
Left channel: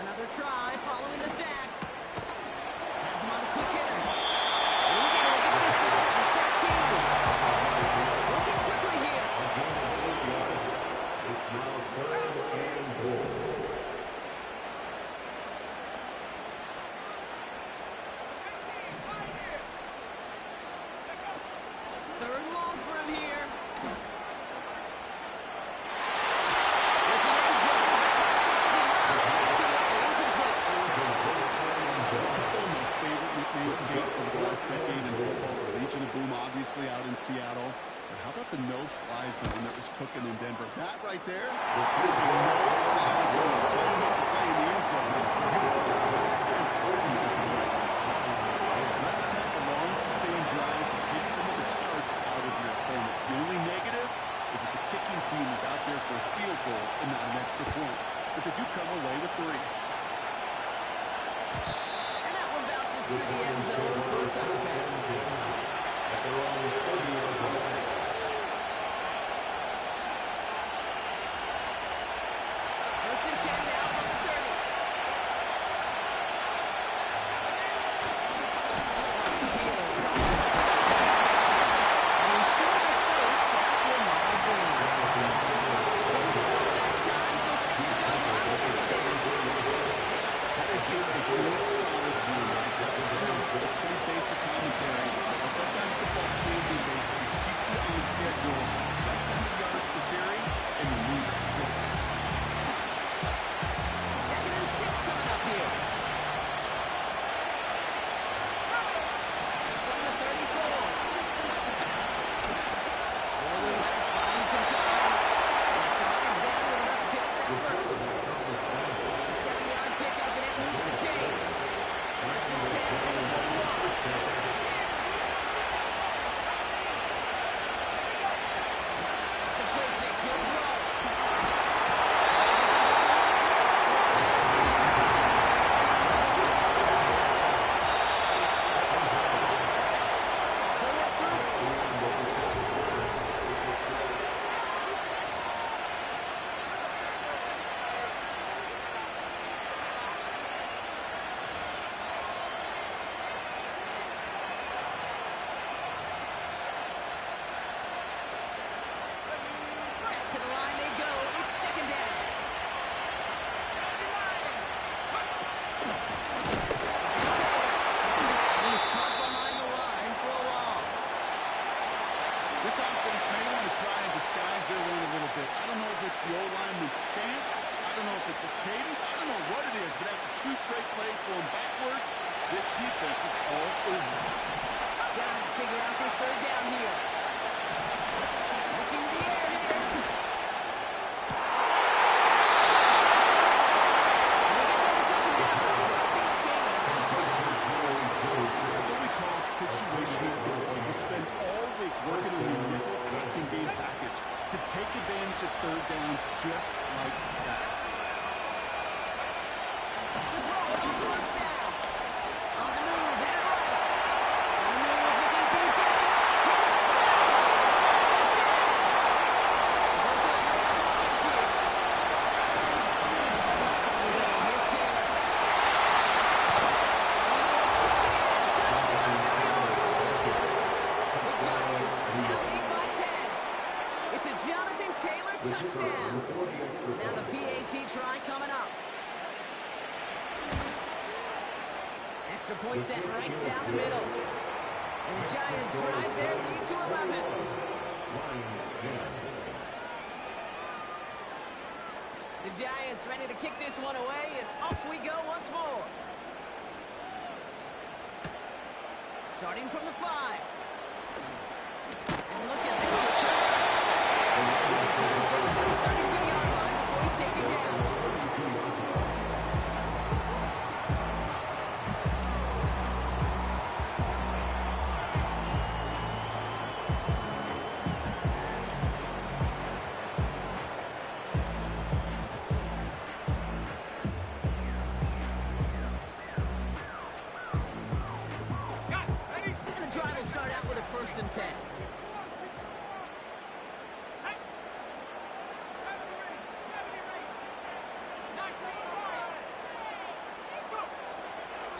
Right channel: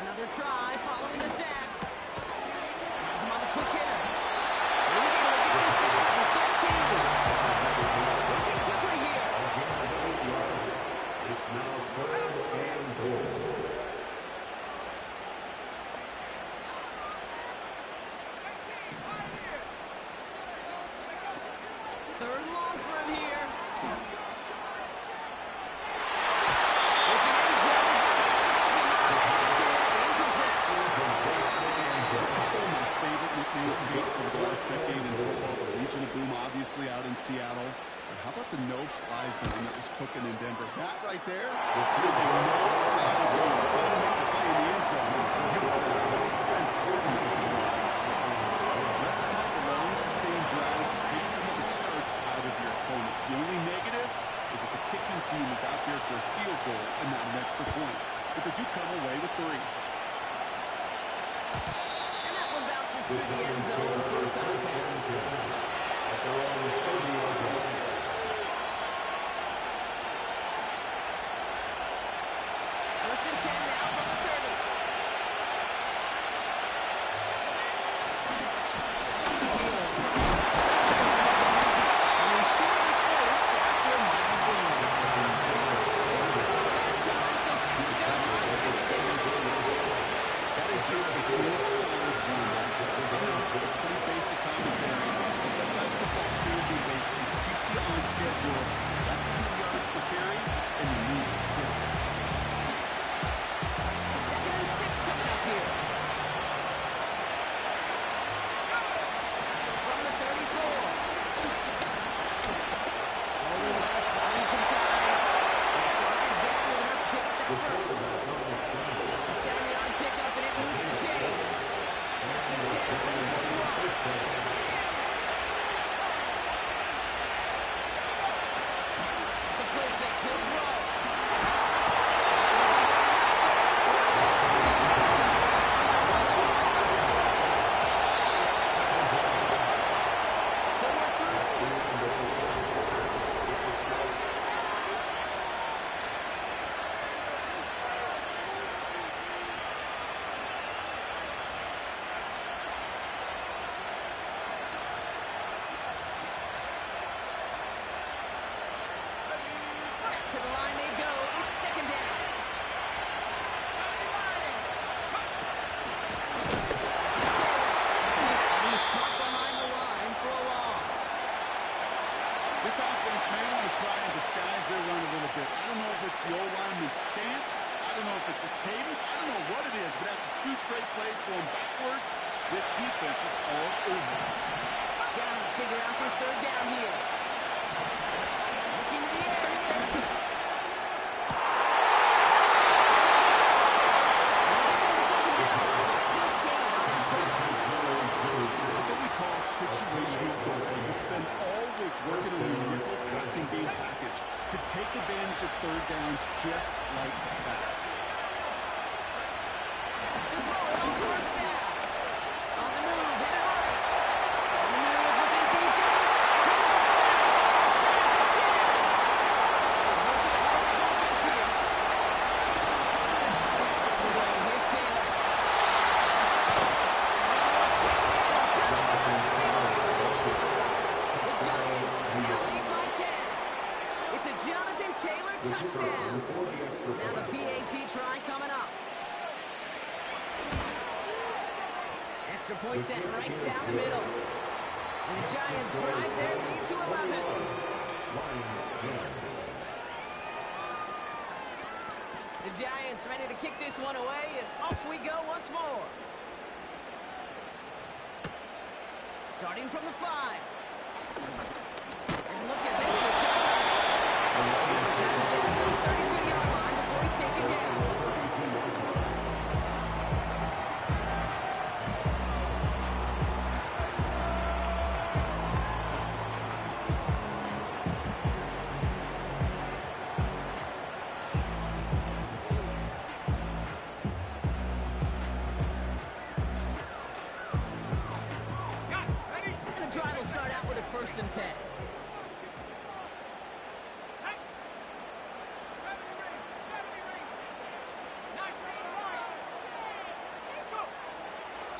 Another try following the sack. Has him on the quick hitter. He's able to get this down to the 13. Working quickly here. A gain of 8 yards. It's now third and goal. Third and long for him here. Looking end zone. Touchdown denied. That's away. Incomplete. A couple of my favorite nicknames, Kate, over the last decade in football. The Legion of Boom, obviously, out in Seattle. But how about the no-fly zone that was cooking in Denver? That right there is a no-fly zone. Trying to make the play in the end zone. That's a type of long, sustained drive that takes some of the starch out of your opponent. The only negative is if the kicking team is out there for a field goal and not an extra point. But they do come away with 3. And that one bounces through the end zone for a touchback. At their own 30-yard line. First and 10 now from the 30. Fields on the left side. And he's short of first after a mile gain. Given 4 to that time, so 6 to go on second down. That is just a good, solid run. I know it's pretty basic commentary, but sometimes football can be basic. It keeps you on schedule. That kind of yards per carry, and you need sticks. Second and To the line they go. It's second down. This is Taylor. And he's caught behind the line for a loss. This offense may want to try and disguise their run a little bit. I don't know if it's the O-lineman's stance. I don't know if it's a cadence. I don't know what it is, but after 2 straight plays going backwards, this defense is all over. Gotta figure out this third down here. Looking to the air here. And they get there to touch him down. Big gain on that play. That's what we call situational football. You spend all week working on your nickel passing game package to take advantage of third downs just like that. To throw it on first down. On the move, headed right. On the move, looking deep down. He's got it inside the 10. Goes to the hurry-up offense here. First and goal, here's Taylor. He will take it in. Touchdown, New York. The Giants now lead by 10. It's a Jonathan Taylor touchdown. Now the PAT try coming up. Extra point set right down the middle. And the Giants drive their lead to 11. The Giants ready to kick this one away, and off we go once more. Starting from the 5. And look at this return. This return gets about the 32-yard line before he's taken down. And the drive will start out with a 1st and 10.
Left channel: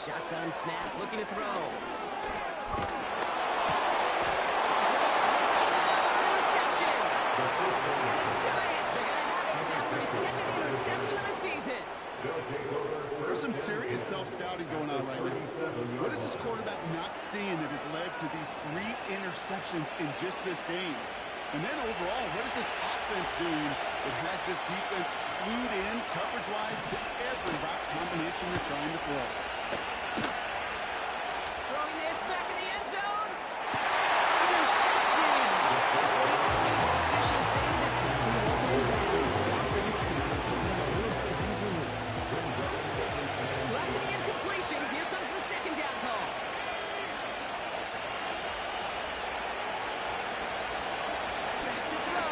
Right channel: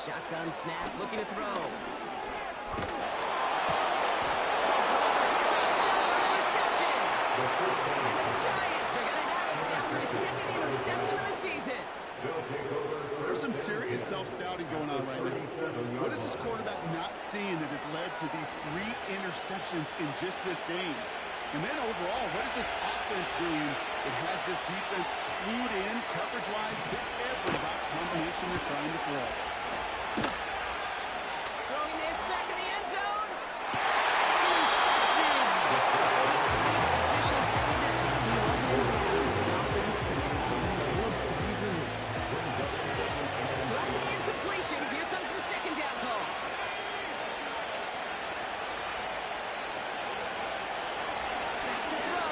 Shotgun snap, looking to throw. Oh, brother, it's another interception. And the Giants are going to have it after his 2nd interception of the season. There's some serious self-scouting going on right now. What is this quarterback not seeing that has led to these 3 interceptions in just this game? And then overall, what is this offense doing that has this defense clued in coverage-wise to every route combination they're trying to throw? Throwing this back in the end zone. Intercepted. Officials say that he wasn't in bounds. The offense can get a little sigh of relief. So after the incompletion, here comes the 2nd down call. Back to throw.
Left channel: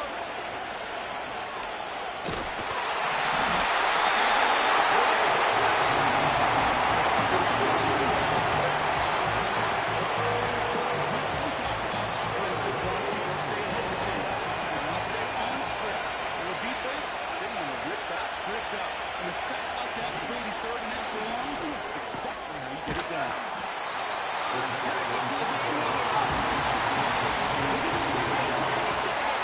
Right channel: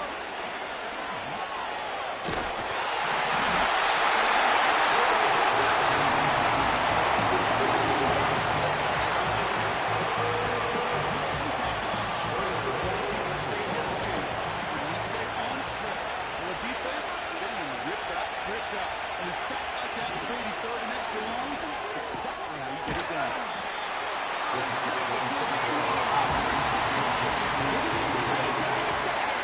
As much as we talk about offenses wanting to stay ahead of the chains, they want to stay on script. Well, defense, they want to rip that script up. And a sack like that, Brady 3rd and extra longs, it's exactly how you get it done. On target to his man Higgins. Ready to get set again.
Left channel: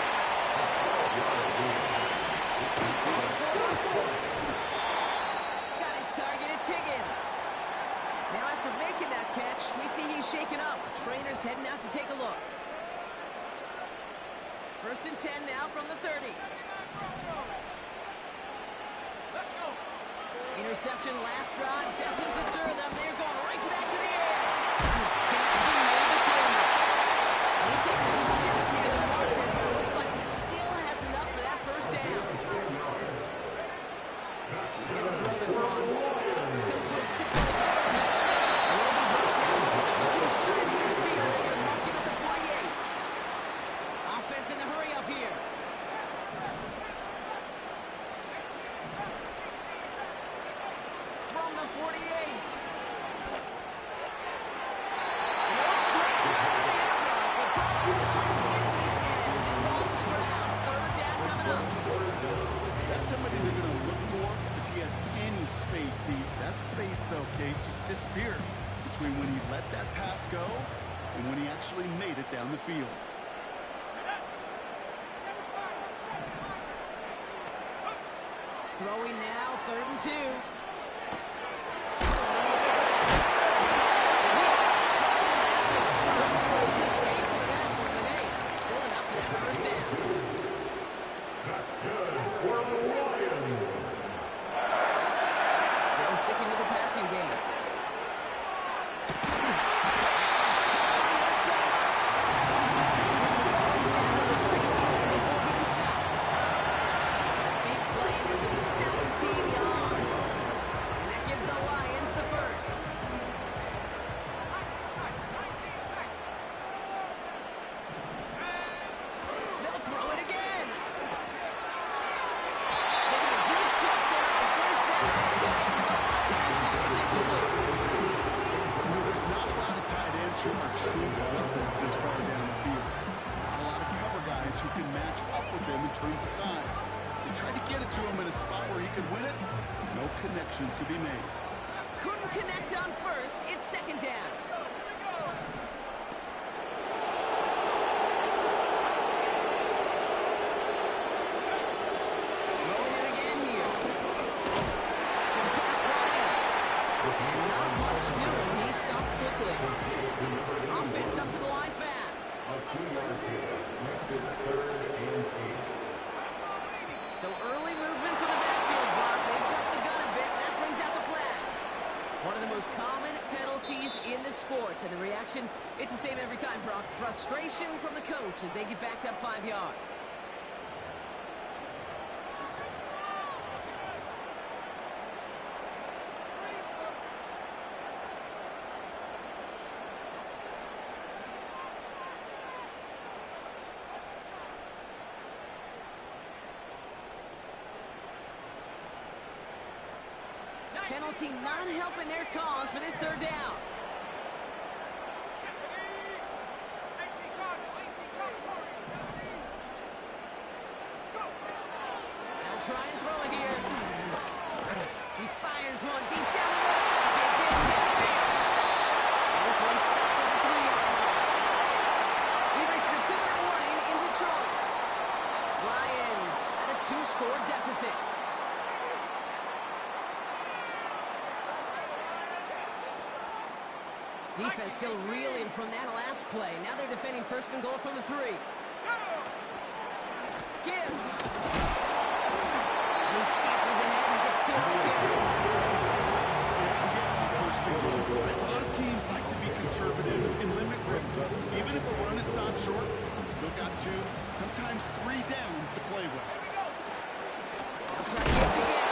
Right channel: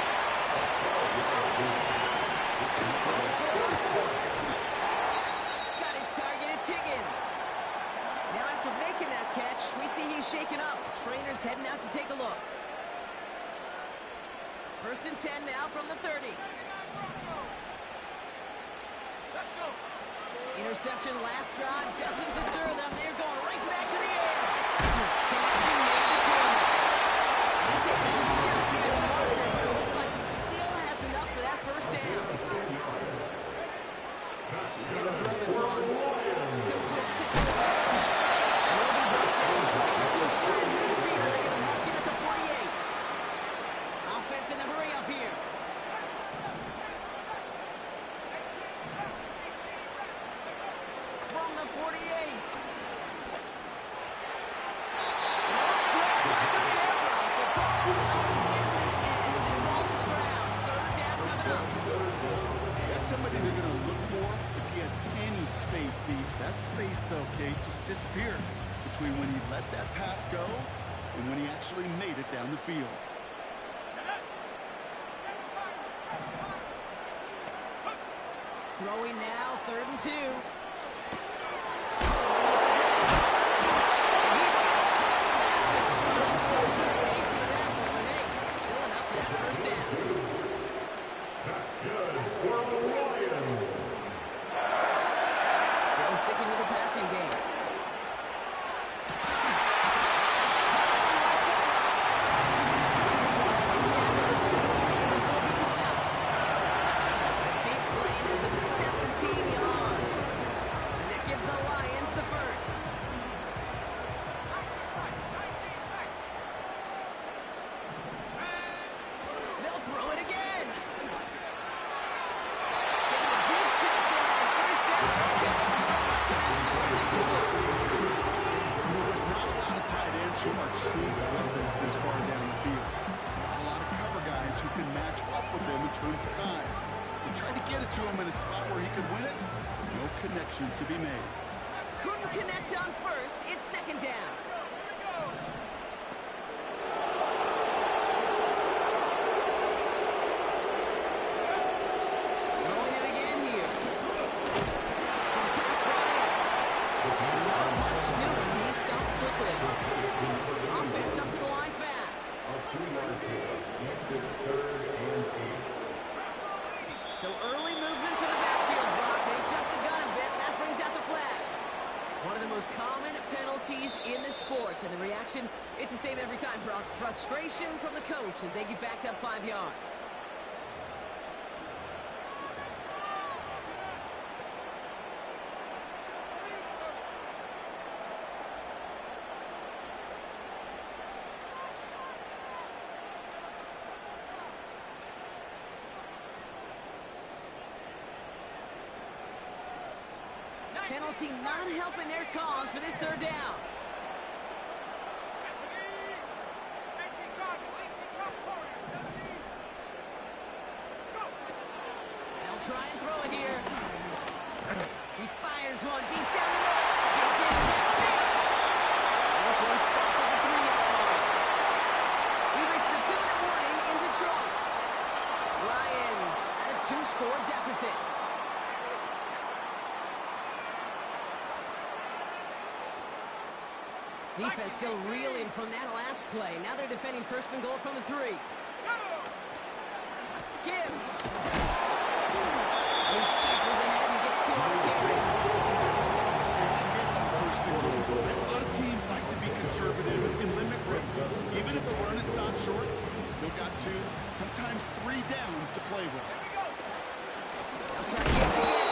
On 4th and 4. Got his target, it's Higgins. Now after making that catch, we see he's shaken up. Trainer's heading out to take a look. 1st and 10 now from the 30. Let's go. Interception last drive doesn't deter them. They're going right back to the air. Connection made to Coleman. And he takes a shot near the marker, but it looks like he still has enough for that 1st down. He's going to throw this one. Complete to Coleman. And he'll be brought down. 7-2 shy of midfield. They're going to mark him at the 48. Offense in the hurry up here. From the 48. And it looks great after the air block, but problems on the business end as it falls to the ground. 3rd down coming up. That's somebody they're going to look for if he has any space deep. That space, though, Kate, just disappeared between when he let that pass go and when he actually made it down the field. Throwing now, 3rd and 2. First down. That's good for the Lions. Still sticking with the passing game. This one's way down to the 3 before being stopped. A big play that took 17 yards. And that gives the Lions the first. 19 seconds. They'll throw it again. Taking a deep shot there on 1st down. Okay, connected. It's incomplete. There's not a lot of tight ends who are true weapons this far down the field. Not a lot of cover guys who can match up with them in terms of size. They tried to get it to him in a spot where he could win it. No connection to be made. Couldn't connect on 1st. It's 2nd down. Here we go. Throwing it again here. Some pass brought in. And not much doing. He stopped quickly. Offense up to the line fast. A 2-yard pickup. Next is 3rd and 8. So early movement for the backfield block. They've jumped the gun a bit, and that brings out the flag. One of the most common penalties in the sport. And the reaction, it's the same every time, Brock. Frustration from the coach as they get backed up 5 yards. Penalty not helping their cause for this 3rd down. 18 Cox Warriors, 70. Go. They'll try and throw it here. He fires one deep down the middle. Big hit downfield. And this one stopped at the 3-yard line. We reached the 2-minute warning in Detroit. Lions at a 2-score deficit. Defense still reeling from that last play. Now they're defending 1st and goal from the 3. Gibbs. And he scampers ahead and gets 2 on the carry. First and goal. A lot of teams like to be conservative and limit risk. Even if a run is stopped short, you've still got 2, sometimes 3 downs to play with. Now try Gibbs again.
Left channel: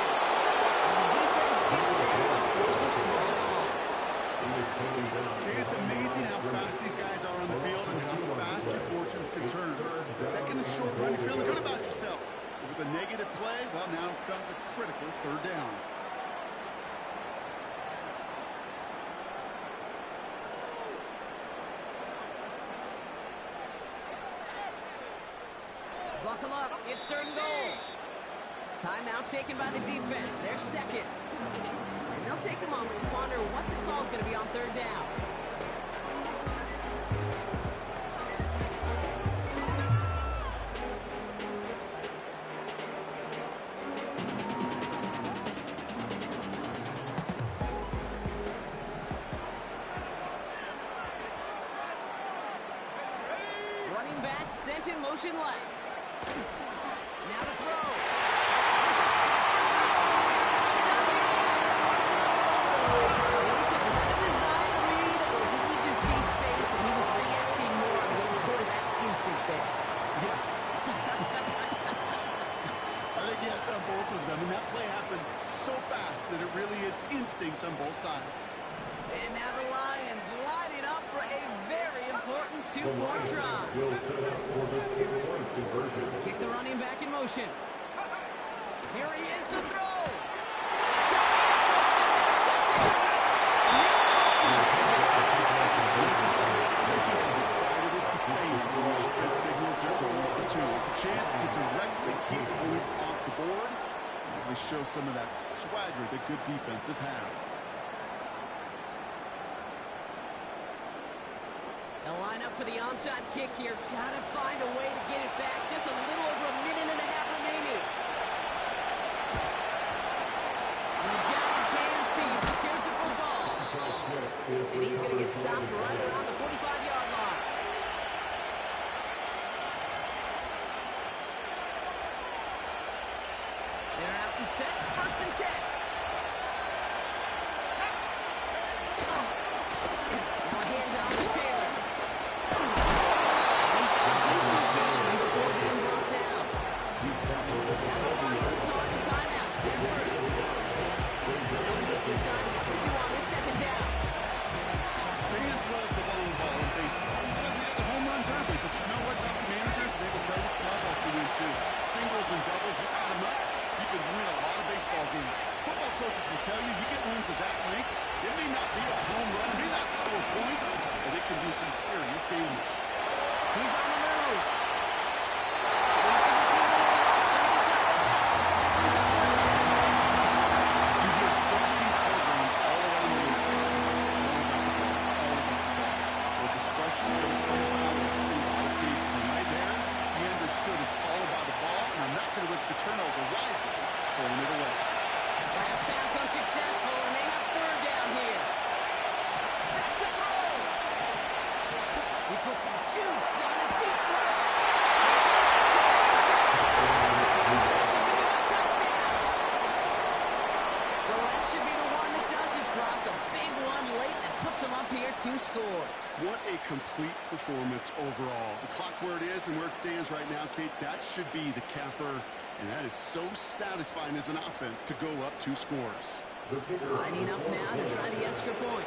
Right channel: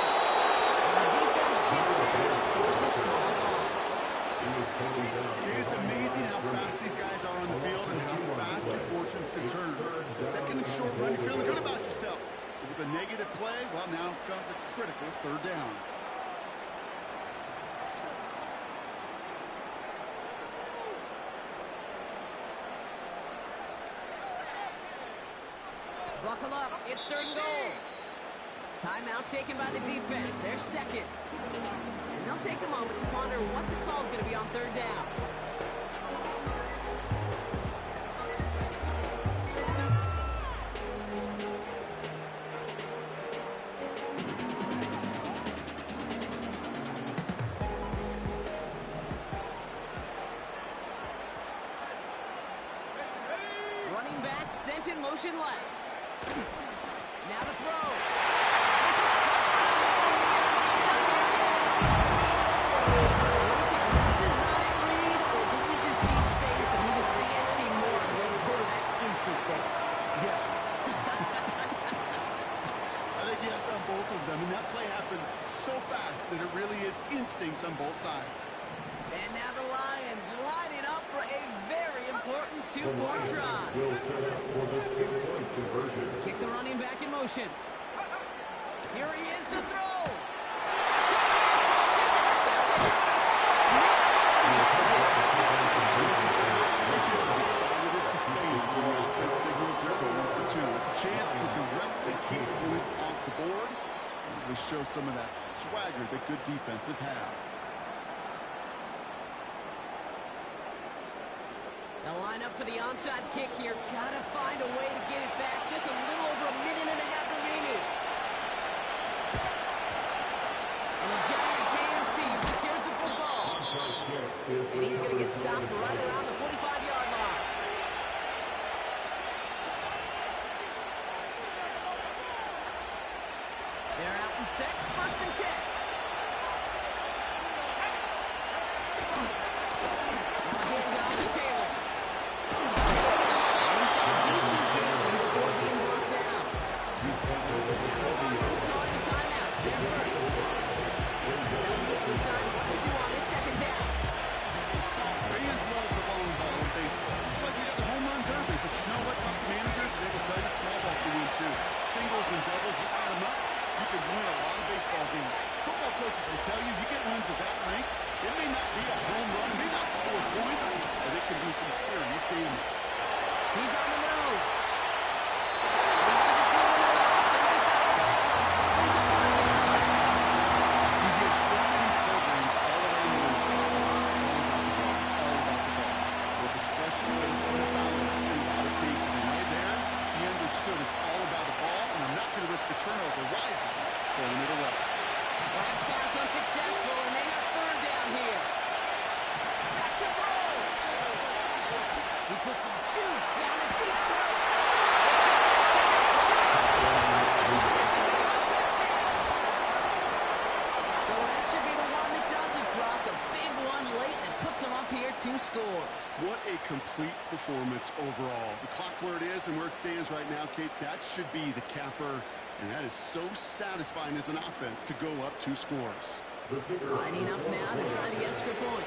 And the defense gets there to force a small loss. Okay, it's amazing how fast these guys are on the field and how fast your fortunes can turn. 2nd and short run, you're feeling good about yourself. But with a negative play, well, now comes a critical 3rd down. Buckle up. It's 3rd and goal. Timeout taken by the defense. They're 2nd. And they'll take a moment to ponder what the call is going to be on 3rd down. Running back sent in motion left. Now to throw. This is cut for score. We are not done here yet. What do you think? Was that a design read, or did he just see space and he was reacting more on the old quarterback instinct there? Yes. I think yes on both of them, and that play happens so fast that it really is instincts on both sides. And now the Lions lining up for a very important 2-point try. Will set up for the 2-point conversion. Kick the running back in motion. Here he is to throw. It's intercepted. They're just as excited as the fans when the offense signals they're going for 2. It's a chance to directly keep points off the board and really show some of that swagger that good defenses have. They'll line up for the onside kick here. Gotta find a way to get it back. Just a little over a minute and a half remaining. it stopped right around the 45-yard line. They're out and set, 1st and 10. Now a handoff to Taylor. And he's got a decent gain before being brought down. Now the Lions calling a timeout. They're first. As they'll immediately decide what to do on this 2nd down. Fans love the long ball in baseball. It's like we got the home run derby, but you know what? Talk to managers, and they will tell you small ball can win too. Singles and doubles, you add them up, you can win a lot of baseball games. Football coaches will tell you, you get runs of that length, it may not be a home run, it may not score points, but it can do some serious damage. He's on the move. He doesn't seem to relax, so he just got rid of that one. He brings up 3rd down. You hear so many programs all around the league talking about it's all about the ball, it's all about the ball. Well, discretion would have been found in a lot of cases, and right there, he understood it's all about the ball, and I'm not going to risk a turnover wisely, throwing it away. Last pass unsuccessful, and they have 3rd down here. Back to throw. He put some juice on a deep throw. They can't get to the deep shot. That's a New York touchdown. So that should be the one that does it, Brock. A big one late that puts them up here 2 scores. What a complete performance overall. The clock where it is and where it stands right now, Kate, that should be the capper, and that is so satisfying as an offense to go up 2 scores. Lining up now to try the extra point.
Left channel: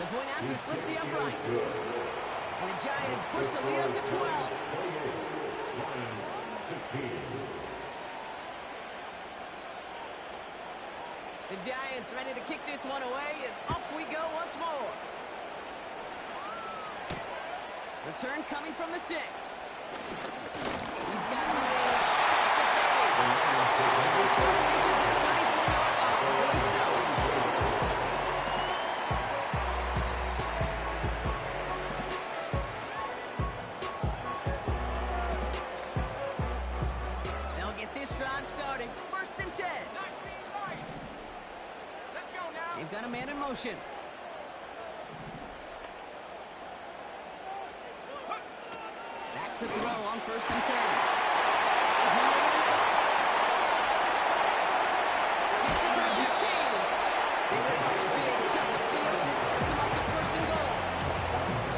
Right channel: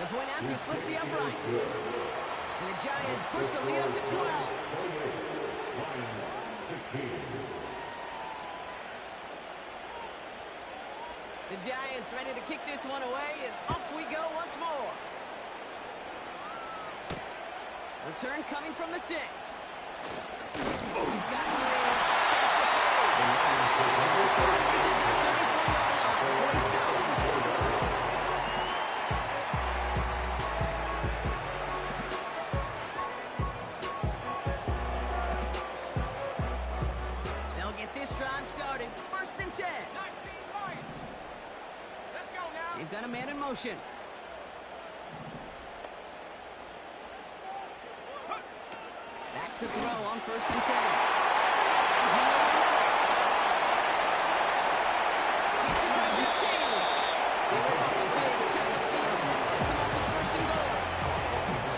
The point after splits the uprights. And the Giants push the lead up to 12. Lions 16. The Giants ready to kick this one away, and off we go once more. Return coming from the 6. He's got range past the 30. His return reaches that 34-yard line before he's stopped. They'll get this drive started. 1st and 10. 19 Lions. Let's go now. They've got a man in motion. Back to throw on 1st and 10. Is he over the middle? Gets it to the 15. They rip up a big chunk of field and it sets him up with 1st and goal.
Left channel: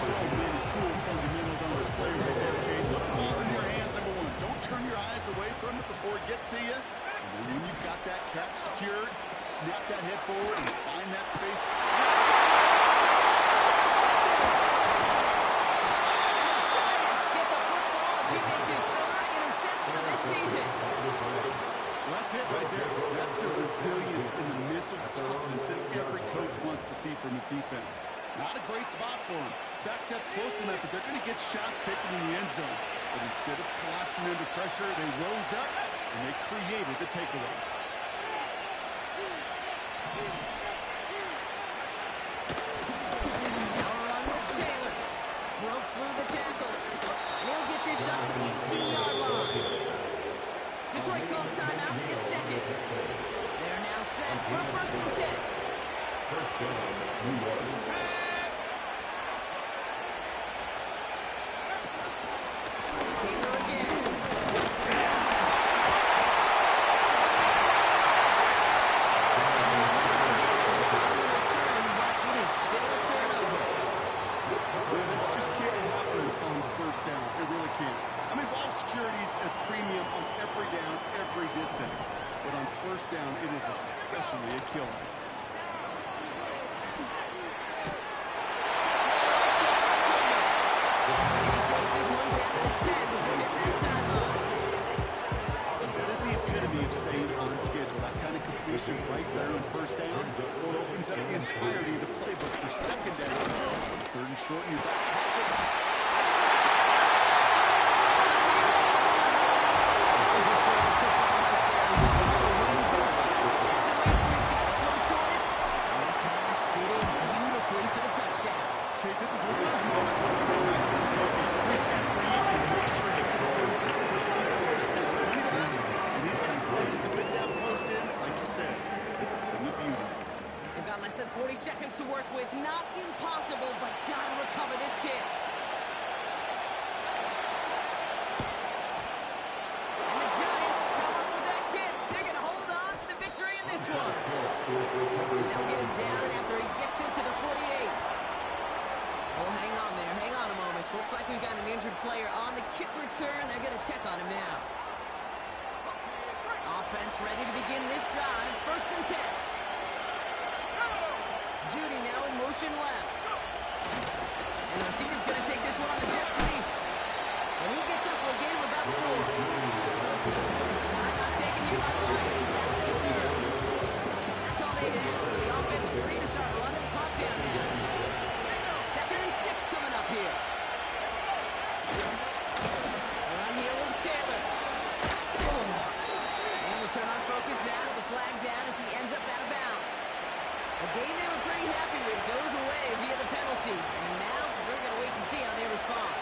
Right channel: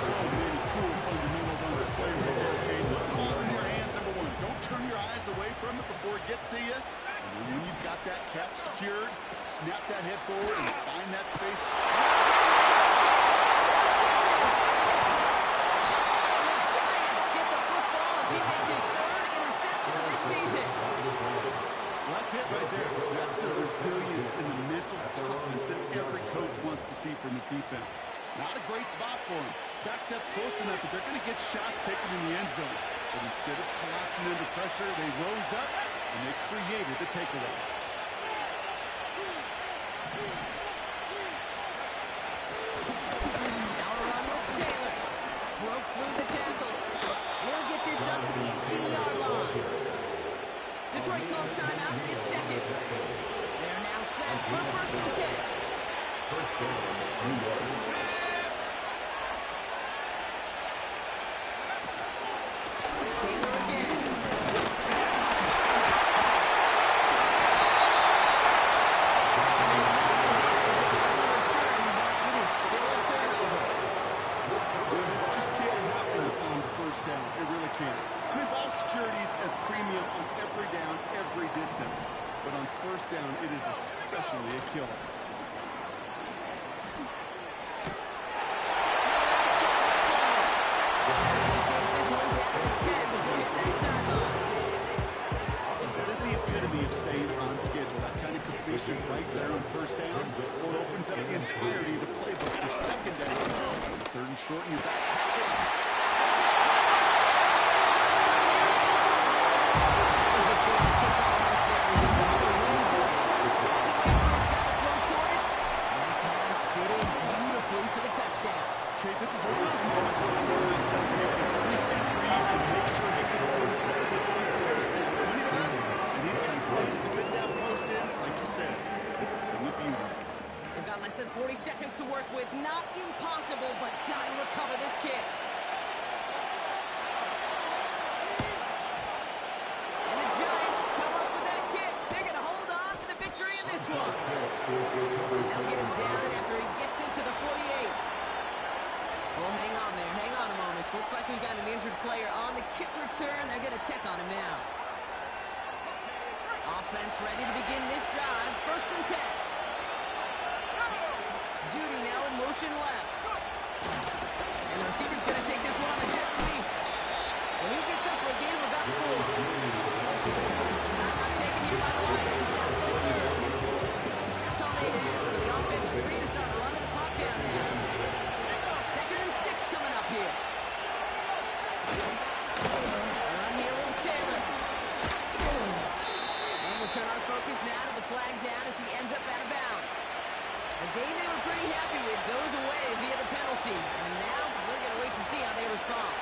So many cool fundamentals on display right there, Kate. Put the ball in your hands, number 1. Don't turn your eyes away from it before it gets to you. And then when you've got that catch secured, snap that head forward and find that space. It's intercepted. And the Giants get the football as he makes his 3rd interception of this season. Well, that's it right there. That's the resilience and the mental toughness that every coach wants to see from his defense. Not a great spot for him. Backed up close enough that they're going to get shots taken in the end zone. But instead of collapsing under pressure, they rose up and they created the takeaway. Now a run with Taylor. Broke through the tackle. And he'll get this up to the 18-yard line. Detroit calls timeout. It's 2nd. They're now set for 1st and 10. First down, New York. Taylor again. On the return, but it is still a turnover. Yeah, this just can't happen on 1st down. It really can't. I mean, ball security is a premium on every down, every distance. But on 1st down, it is especially a killer. And he takes this one down to the 10 before hitting that sideline. That is the epitome of staying on schedule. That kind of completion right there on 1st down, or it opens up the entirety of the playbook for 2nd down. 3rd and short in your back pocket. There's his greatest football right there. He saw the wings and just had to wait for his guy to flow towards. And that pass fit in beautifully for the touchdown. Okay, this is one of those moments where the quarterback's going to take his pre-snap read and make sure he confirms it quickly, close as when he does, and he's got space to fit that post in. Like you said, it's 40 seconds to work with. Not impossible, but gotta recover this kick. And the Giants come up with that kick. They're going to hold on for the victory in this one. And they'll get him down after he gets into the 48. Well, hang on there. Hang on a moment. Looks like we've got an injured player on the kick return. They're going to check on him now. Offense ready to begin this drive. 1st and 10. Judy now in motion left. And the receiver's going to take this one on the jet sweep. And he gets up for a gain of about 4. Timeout taken here by the Lions. That's their third. That's all they had. So the offense free to start running the clock down now. 2nd and 6 coming up here. Run here with Taylor. And we'll turn our focus now to the flag down as he ends up out of bounds. A game they were pretty happy with goes away via the penalty. And now we're going to wait to see how they respond.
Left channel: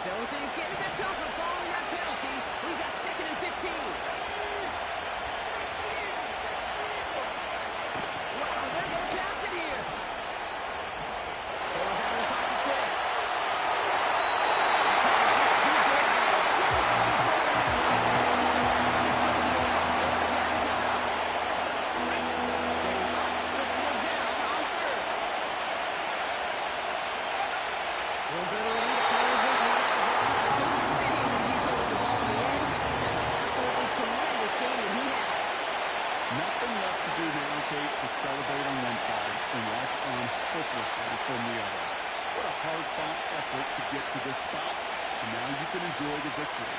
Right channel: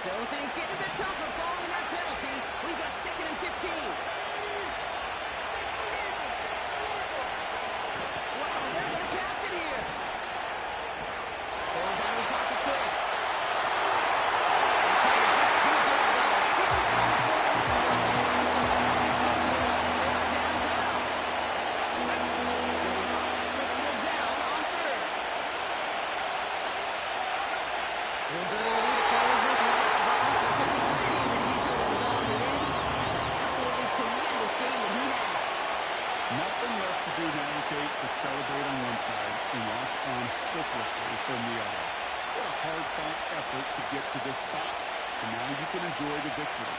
So things getting a bit tougher following that penalty. We've got 2nd and 15. Wow, they're going to pass it here. Pulls out of the pocket quick. Just too good there. Taylor on the corner is confident, so just throws it away. 3rd down coming up. Setting up for the kneel down on 3rd. Real good early to close this one out, Brock. It's only fitting that he's holding the ball in the end. After an absolutely tremendous game that he had. Nothing left to do now, Kate, but celebrate on one side and watch on hopelessly from the other. What a hard-fought effort to get to this spot, and now you can enjoy the victory.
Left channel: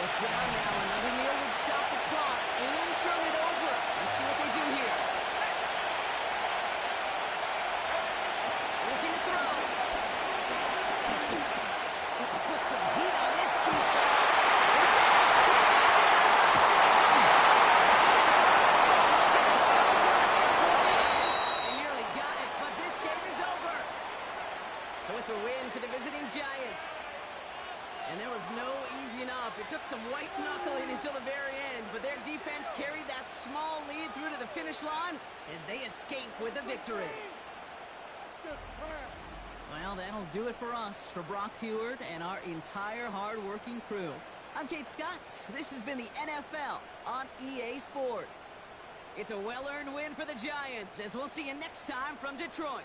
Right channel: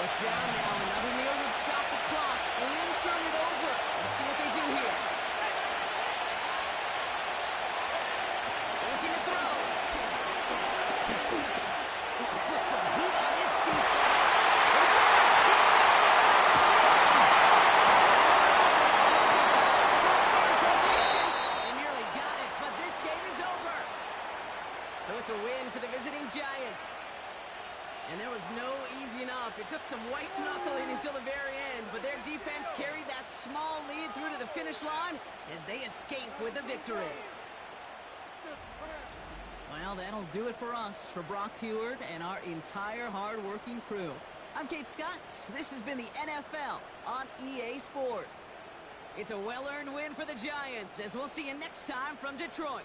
4th down now. Another kneel would stop the clock and turn it over. Let's see what they do here. Looking to throw. Put some heat on this deep ball. They nearly got it, but this game is over. So it's a win for the visiting Giants. And there was no easing up. It took some white knuckling until the very end, but their defense carried that small lead through to the finish line as they escape with a victory. Well, that'll do it for us, for Brock Huard and our entire hard-working crew. I'm Kate Scott. This has been the NFL on EA Sports. It's a well-earned win for the Giants, as we'll see you next time from Detroit.